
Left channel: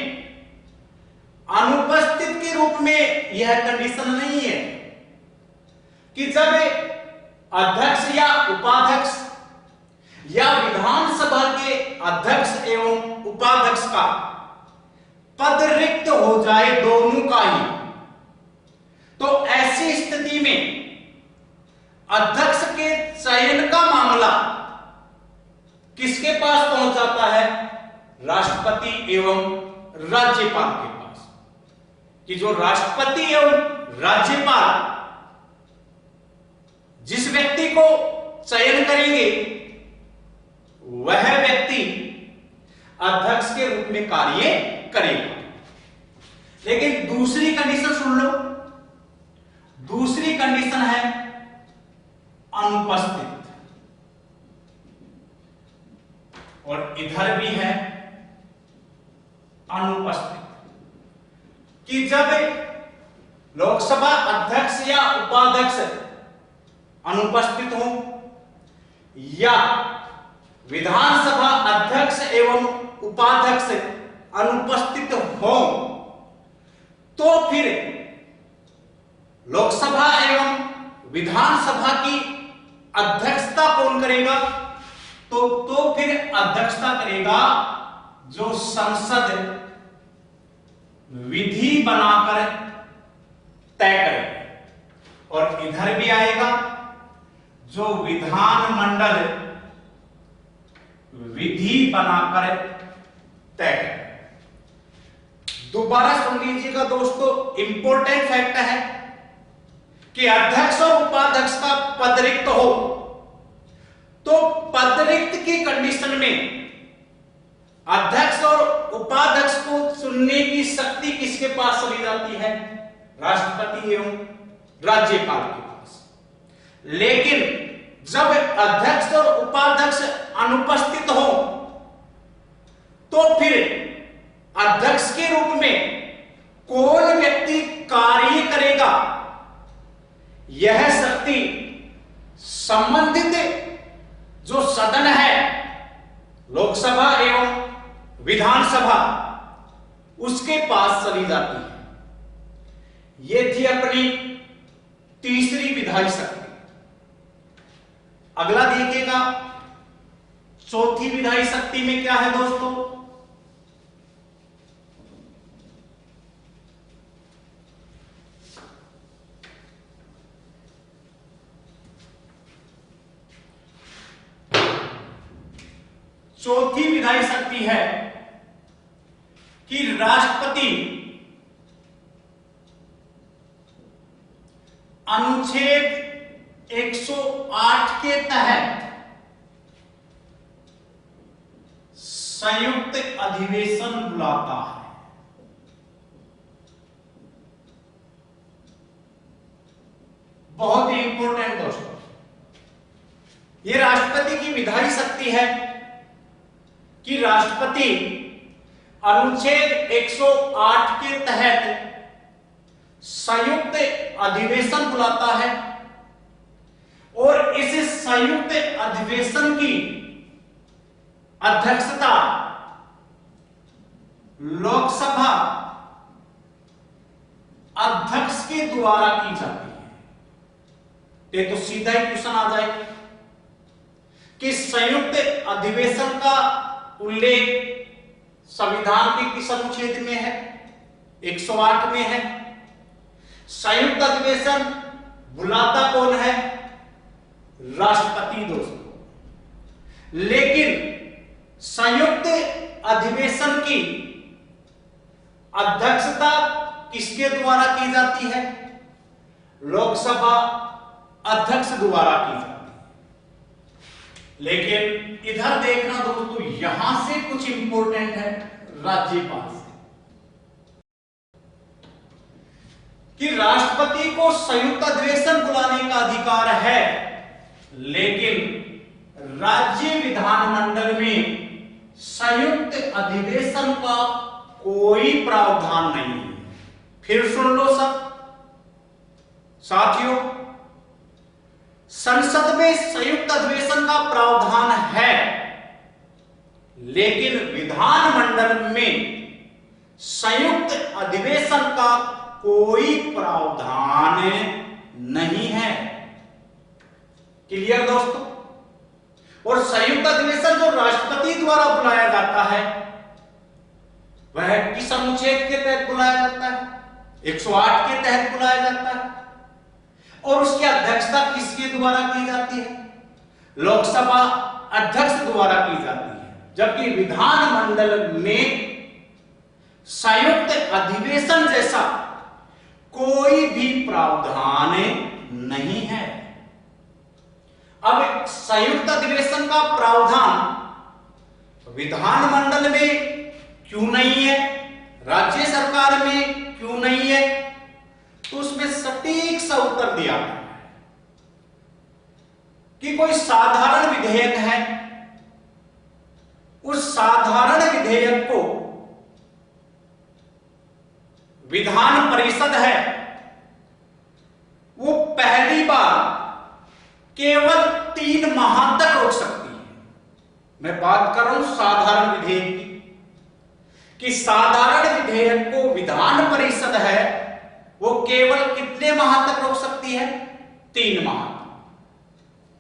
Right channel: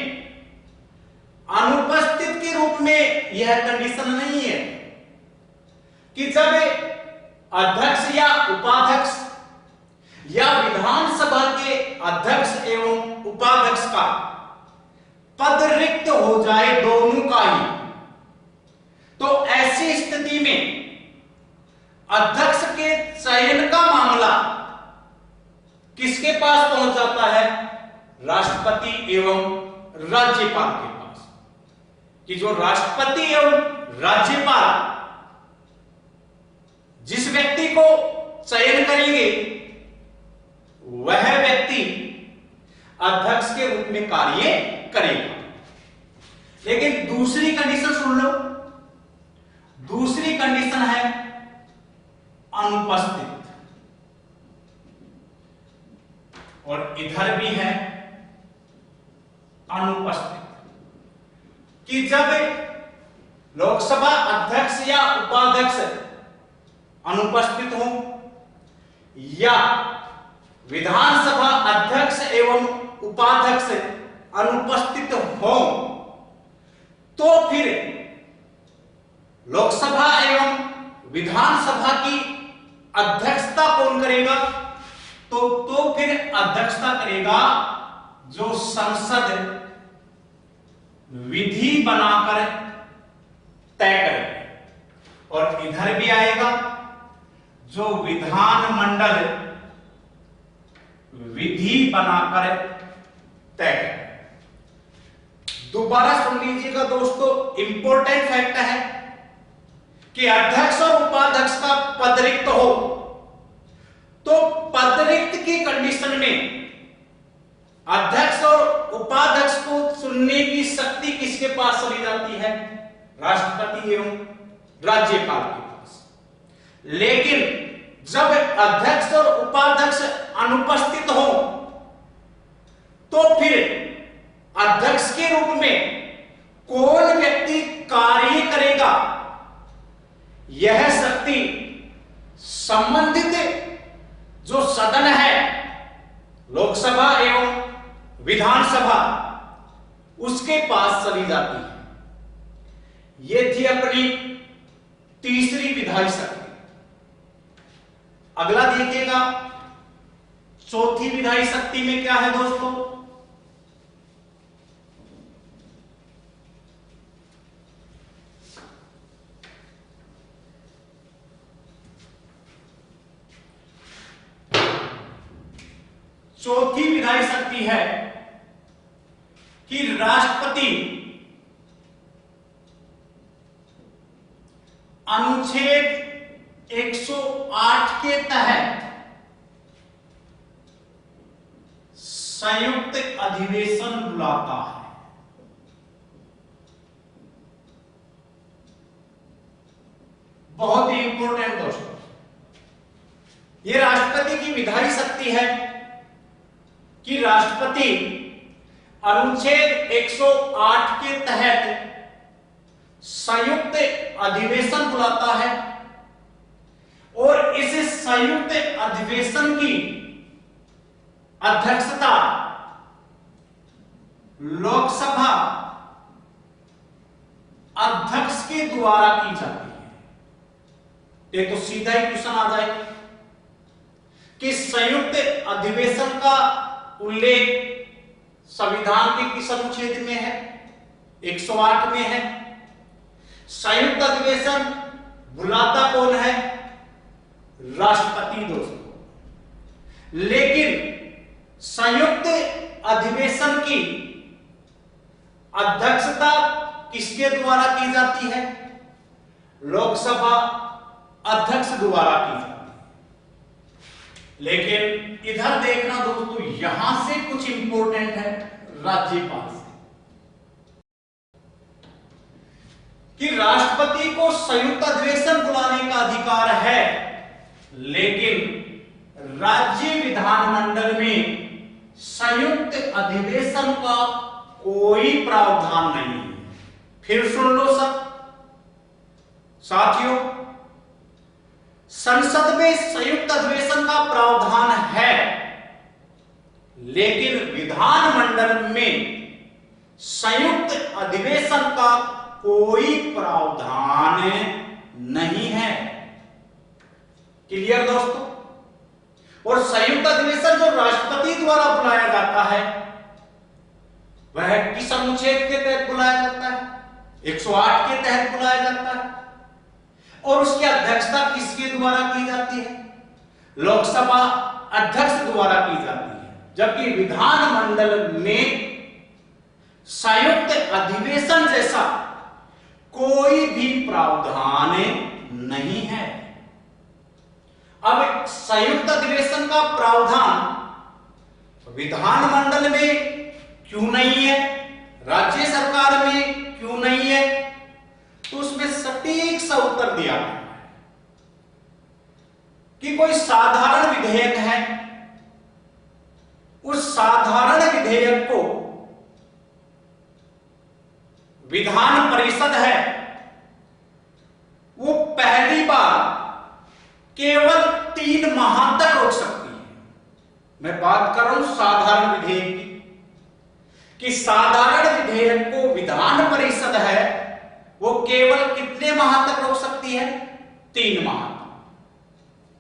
अनुपस्थित के रूप में यह कंडीशन नहीं है कि जब अध्यक्ष या उपाध्यक्ष या विधानसभा के अध्यक्ष एवं उपाध्यक्ष का पद रिक्त हो जाए, दोनों का ही, तो ऐसी स्थिति में अध्यक्ष के चयन का मामला किसके पास पहुंच जाता है, राष्ट्रपति एवं राज्यपाल के पास, कि जो राष्ट्रपति एवं राज्यपाल जिस व्यक्ति को चयन करेंगे वह व्यक्ति अध्यक्ष के रूप में कार्य करेगा। लेकिन दूसरी कंडीशन सुन लो, दूसरी कंडीशन है अनुपस्थित, और इधर भी है अनुपस्थित, कि जब लोकसभा अध्यक्ष या उपाध्यक्ष अनुपस्थित हो या विधानसभा अध्यक्ष एवं उपाध्यक्ष अनुपस्थित हो तो फिर लोकसभा एवं विधानसभा की अध्यक्षता कौन करेगा, तो फिर अध्यक्षता करेगा जो संसद विधि बनाकर तय करे, और इधर भी आएगा जो विधानमंडल विधि बनाकर तय करे। दोबारा सुन लीजिएगा दोस्तों, इंपॉर्टेंट फैक्ट है कि अध्यक्ष और उपाध्यक्ष का पद रिक्त हो तो पद रिक्त की कंडीशन में अध्यक्ष और उपाध्यक्ष को चुनने की शक्ति किसके पास चली जाती है, राष्ट्रपति एवं राज्यपाल के पास। लेकिन जब अध्यक्ष और उपाध्यक्ष अनुपस्थित हो तो फिर अध्यक्ष के रूप में कौन व्यक्ति कार्य करेगा, यह शक्ति संबंधित जो सदन है लोकसभा एवं विधानसभा उसके पास चली जाती है। यह थी अपनी तीसरी विधायी शक्ति। अगला देखिएगा, चौथी विधायी शक्ति में क्या है दोस्तों? चौथी विधायी शक्ति है कि राष्ट्रपति अनुच्छेद 108 के तहत संयुक्त अधिवेशन बुलाता है। बहुत ही इंपॉर्टेंट दोस्तों, यह राष्ट्रपति की विधायी शक्ति है कि राष्ट्रपति अनुच्छेद 108 के तहत संयुक्त अधिवेशन बुलाता है और इस संयुक्त अधिवेशन की अध्यक्षता लोकसभा अध्यक्ष के द्वारा की जाती है। ये तो सीधा ही क्वेश्चन आ जाए कि संयुक्त अधिवेशन का उल्लेख संविधान के किस अनुच्छेद में है? 108 में है। संयुक्त अधिवेशन बुलाता कौन है? राष्ट्रपति दोस्तों। लेकिन संयुक्त अधिवेशन की अध्यक्षता किसके द्वारा की जाती है? लोकसभा अध्यक्ष द्वारा की जाती है। लेकिन इधर देखना दोस्तों, यहां से कुछ इंपॉर्टेंट है राज्यपाल से, कि राष्ट्रपति को संयुक्त अधिवेशन बुलाने का अधिकार है, लेकिन राज्य विधानमंडल में संयुक्त अधिवेशन का कोई प्रावधान नहीं है। फिर सुन लो सब साथियों, संसद में संयुक्त अधिवेशन का प्रावधान है, लेकिन विधानमंडल में संयुक्त अधिवेशन का कोई प्रावधान नहीं है। क्लियर दोस्तों? और संयुक्त अधिवेशन जो राष्ट्रपति द्वारा बुलाया जाता है वह किस अनुच्छेद के तहत बुलाया जाता है? 108 के तहत बुलाया जाता है। और उसकी अध्यक्षता किसके द्वारा की जाती है? लोकसभा अध्यक्ष द्वारा की जाती है। जबकि विधानमंडल में संयुक्त अधिवेशन जैसा कोई भी प्रावधान नहीं है। अब संयुक्त अधिवेशन का प्रावधान विधानमंडल में क्यों नहीं है, राज्य सरकार में क्यों नहीं है? तो उसमें सटीक सा उत्तर दिया गया है कि कोई साधारण विधेयक है, उस साधारण विधेयक को विधान परिषद है वो पहली बार केवल 3 माह तक रोक सकती है। मैं बात कर रहा हूं साधारण विधेयक की, कि साधारण विधेयक को विधान परिषद है वो केवल कितने माह तक रोक सकती है? 3 माह।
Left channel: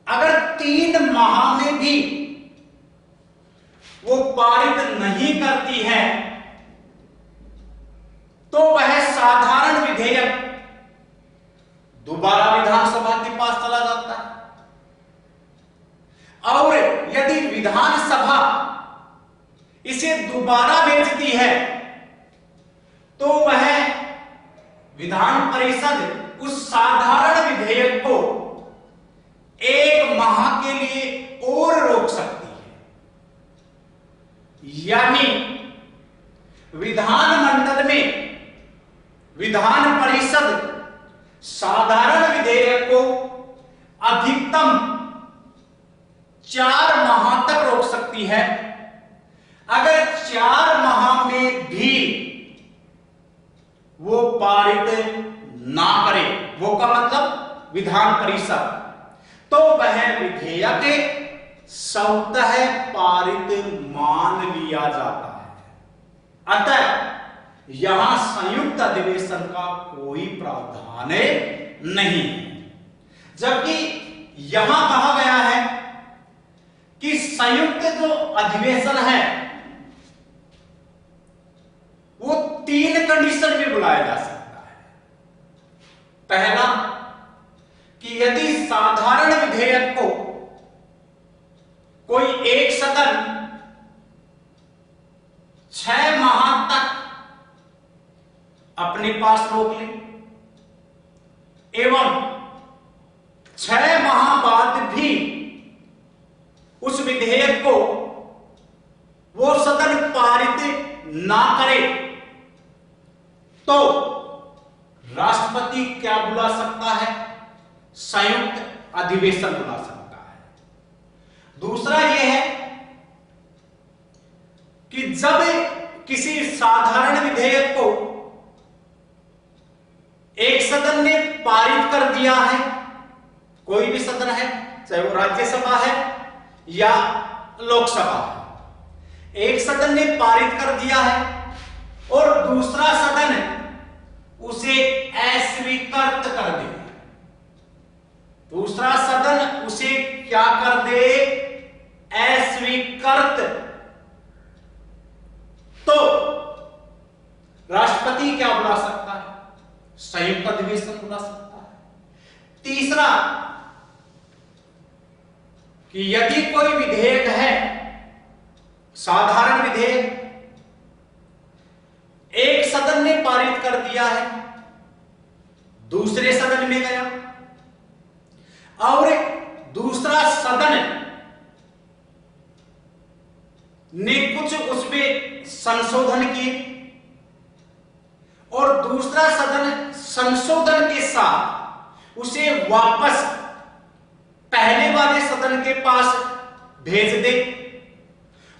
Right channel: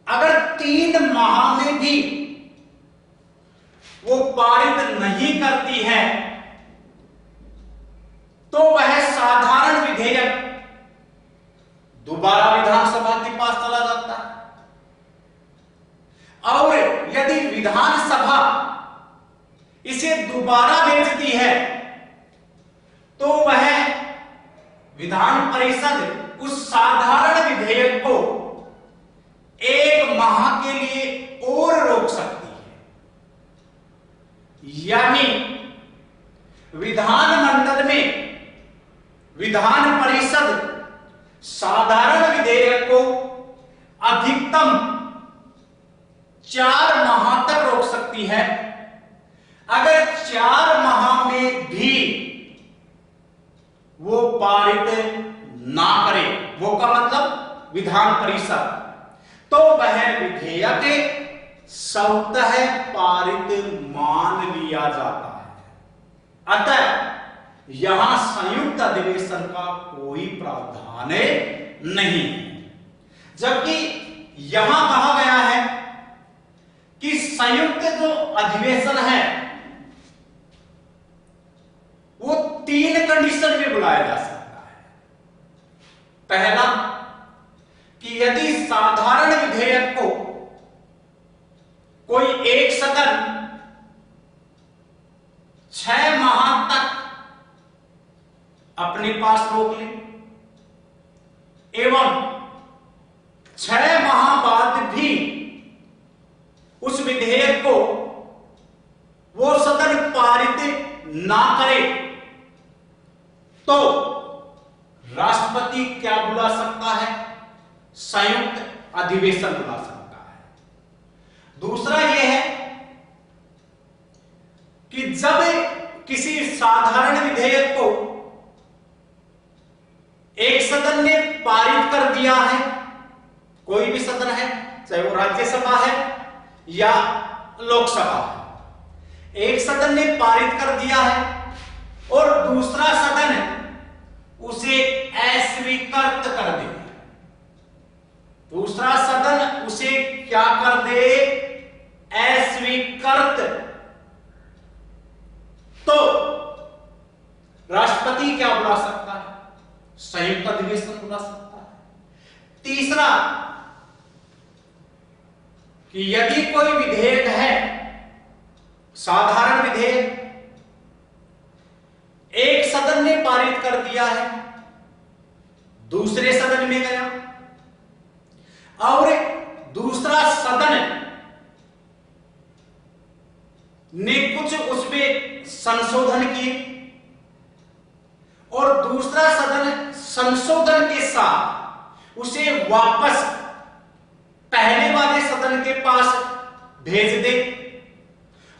अगर 3 माह में भी वो पारित नहीं करती है तो वह साधारण विधेयक दोबारा विधानसभा के पास चला जाता है। और यदि विधानसभा इसे दोबारा भेजती है तो वह विधान परिषद उस साधारण विधेयक को 1 माह के लिए और रोक सकती है। यानी विधानमंडल में विधान परिषद साधारण विधेयक को अधिकतम 4 माह तक रोक सकती है। अगर 4 माह में भी वो पारित ना करे, वो का मतलब विधान परिषद, तो वह विधेयक स्वतः पारित मान लिया जाता है। अतः यहां संयुक्त अधिवेशन का कोई प्रावधान नहीं है। जबकि यहां कहा गया है कि संयुक्त जो अधिवेशन है वो 3 कंडीशन में बुलाया जा सकता है। पहला कि यदि साधारण विधेयक को कोई एक सदन 6 माह तक अपने पास रोक ले एवं 6 माह बाद भी उस विधेयक को वो सदन पारित ना करे तो राष्ट्रपति क्या बुला सकता है? संयुक्त अधिवेशन बुला सकता है। दूसरा यह है कि जब किसी साधारण विधेयक को एक सदन ने पारित कर दिया है, कोई भी सदन है, चाहे वो राज्यसभा है या लोकसभा है, एक सदन ने पारित कर दिया है और दूसरा सदन उसे अस्वीकृत कर दे, दूसरा सदन उसे क्या कर दे? अस्वीकृत, तो राष्ट्रपति क्या बुला सकता है? संयुक्त अधिवेशन बुला सकता है। तीसरा कि यदि कोई विधेयक है, साधारण विधेयक, एक सदन ने पारित कर दिया है, दूसरे सदन में गया और दूसरा सदन ने कुछ उसमें संशोधन किए और दूसरा सदन संशोधन के साथ उसे वापस पहले वाले सदन के पास भेज दे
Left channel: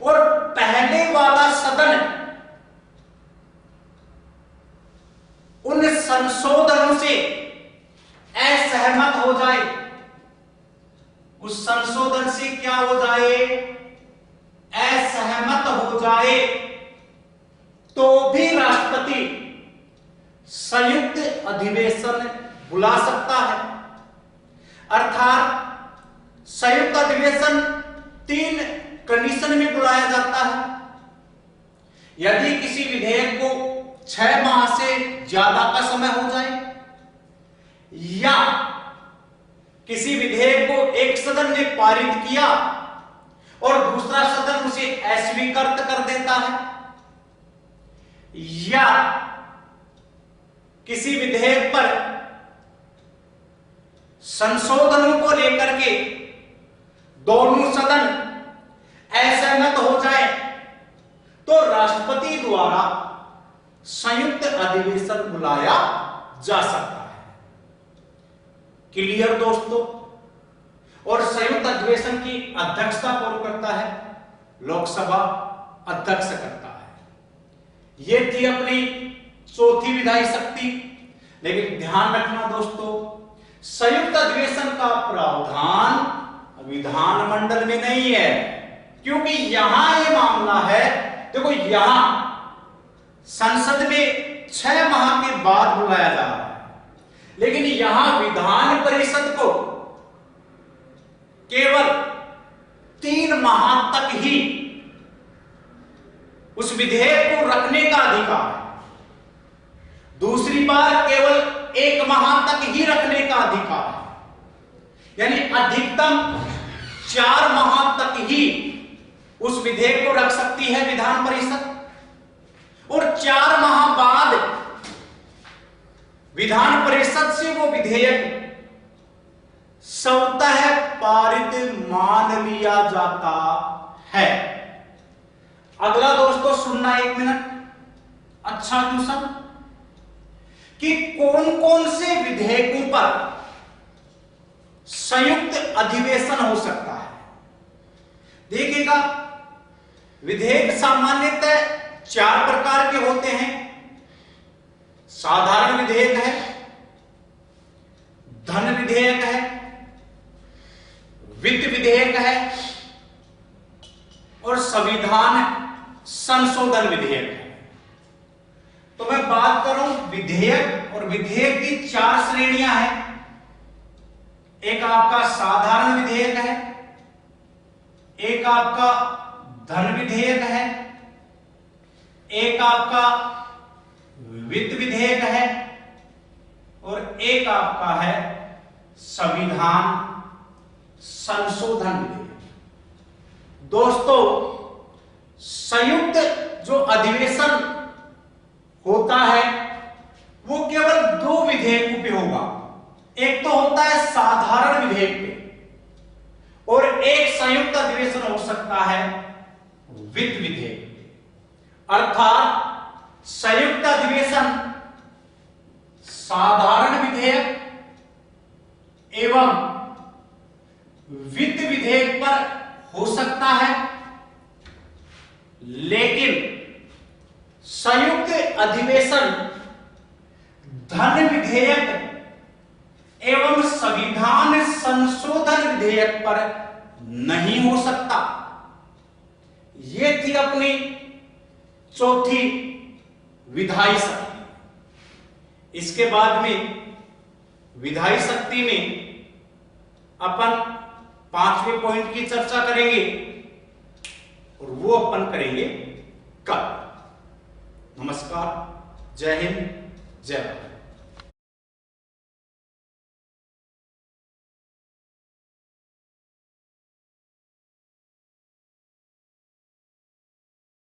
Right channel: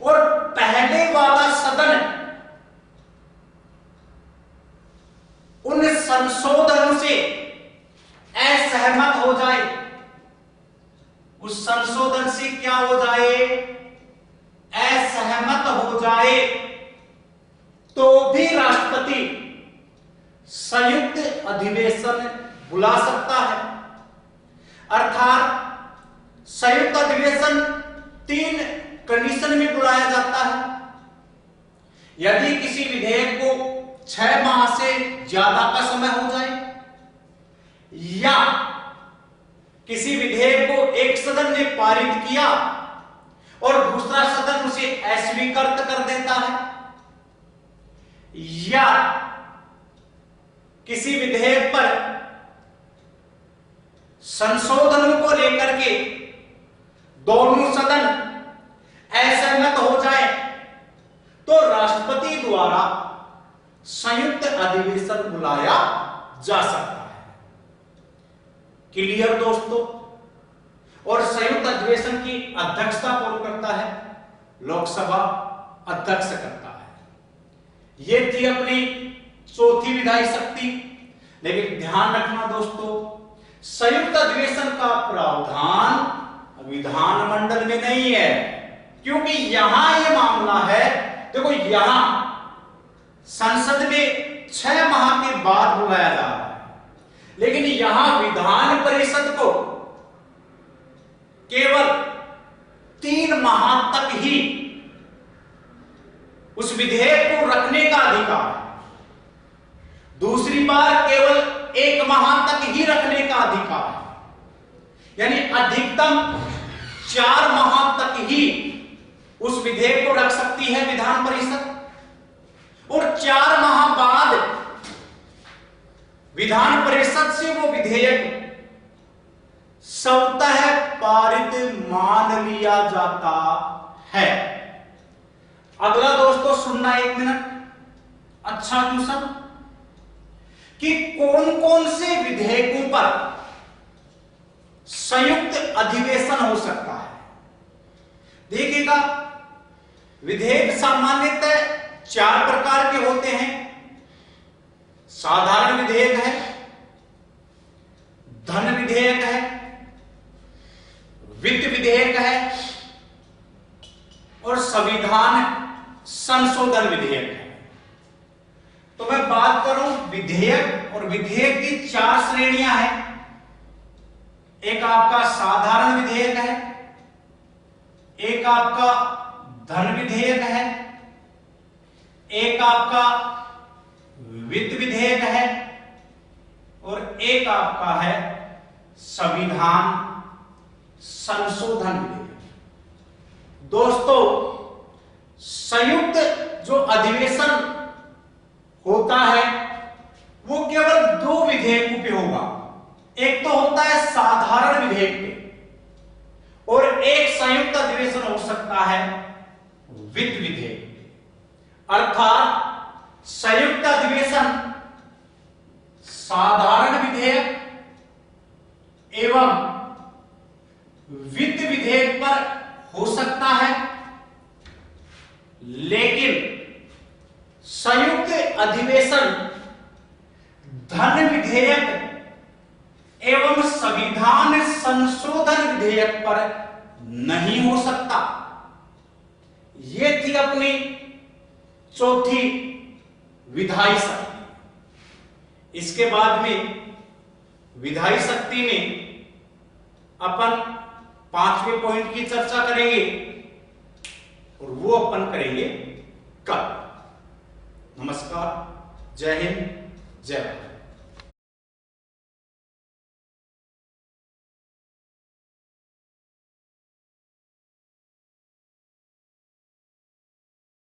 और पहले वाला सदन उन संशोधनों से असहमत हो जाए, उस संशोधन से क्या हो जाए? असहमत हो जाए, तो भी राष्ट्रपति संयुक्त अधिवेशन बुला सकता है। अर्थात संयुक्त अधिवेशन 3 कंडीशन में बुलाया जाता है। यदि किसी विधेयक को 6 माह से ज्यादा का समय हो जाए या किसी विधेयक को एक सदन ने पारित किया और दूसरा सदन उसे अस्वीकृत कर देता है, या किसी विधेयक पर संशोधनों को लेकर के दोनों सदन असहमत हो जाए, तो राष्ट्रपति द्वारा संयुक्त अधिवेशन बुलाया जा सकता है। क्लियर दोस्तों? और संयुक्त अधिवेशन की अध्यक्षता कौन करता है? लोकसभा अध्यक्ष करता है। यह थी अपनी चौथी विधायी शक्ति। लेकिन ध्यान रखना दोस्तों, संयुक्त अधिवेशन का प्रावधान विधानमंडल में नहीं है, क्योंकि यहां यह मामला है, देखो यहां संसद में 6 माह के बाद बुलाया जा रहा है, लेकिन यहां विधान परिषद को केवल 3 माह तक ही उस विधेयक को रखने का अधिकार है, दूसरी बार केवल 1 माह तक ही रखने का अधिकार है, यानी अधिकतम 4 माह तक ही उस विधेयक को रख सकती है विधान परिषद, और 4 माह बाद विधान परिषद से वो विधेयक स्वतः पारित मान लिया जाता है। अगला दोस्तों सुनना 1 मिनट, अच्छा क्वेश्चन, कि कौन कौन से विधेयकों पर संयुक्त अधिवेशन हो सकता है। देखिएगा, विधेयक सामान्यतः 4 प्रकार के होते हैं। साधारण विधेयक है, धन विधेयक है, वित्त विधेयक है और संविधान संशोधन विधेयक है। तो मैं बात करूं विधेयक, और विधेयक की 4 श्रेणियां हैं। एक आपका साधारण विधेयक है, एक आपका धन विधेयक है, एक आपका वित्त विधेयक है, और एक आपका है संविधान संशोधन विधेयक। दोस्तों, संयुक्त जो अधिवेशन होता है वो केवल 2 विधेयकों पे होगा। एक तो होता है साधारण विधेयक पे, और एक संयुक्त अधिवेशन हो सकता है वित्त विधेयक पे। अर्थात संयुक्त अधिवेशन साधारण विधेयक एवं वित्त विधेयक पर हो सकता है, लेकिन संयुक्त अधिवेशन धन विधेयक एवं संविधान संशोधन विधेयक पर नहीं हो सकता। यह थी अपनी चौथी विधायी शक्ति। इसके बाद में विधायी शक्ति में अपन 5वें पॉइंट की चर्चा करेंगे, और वो अपन करेंगे कल। नमस्कार, जय हिंद, जय भारत।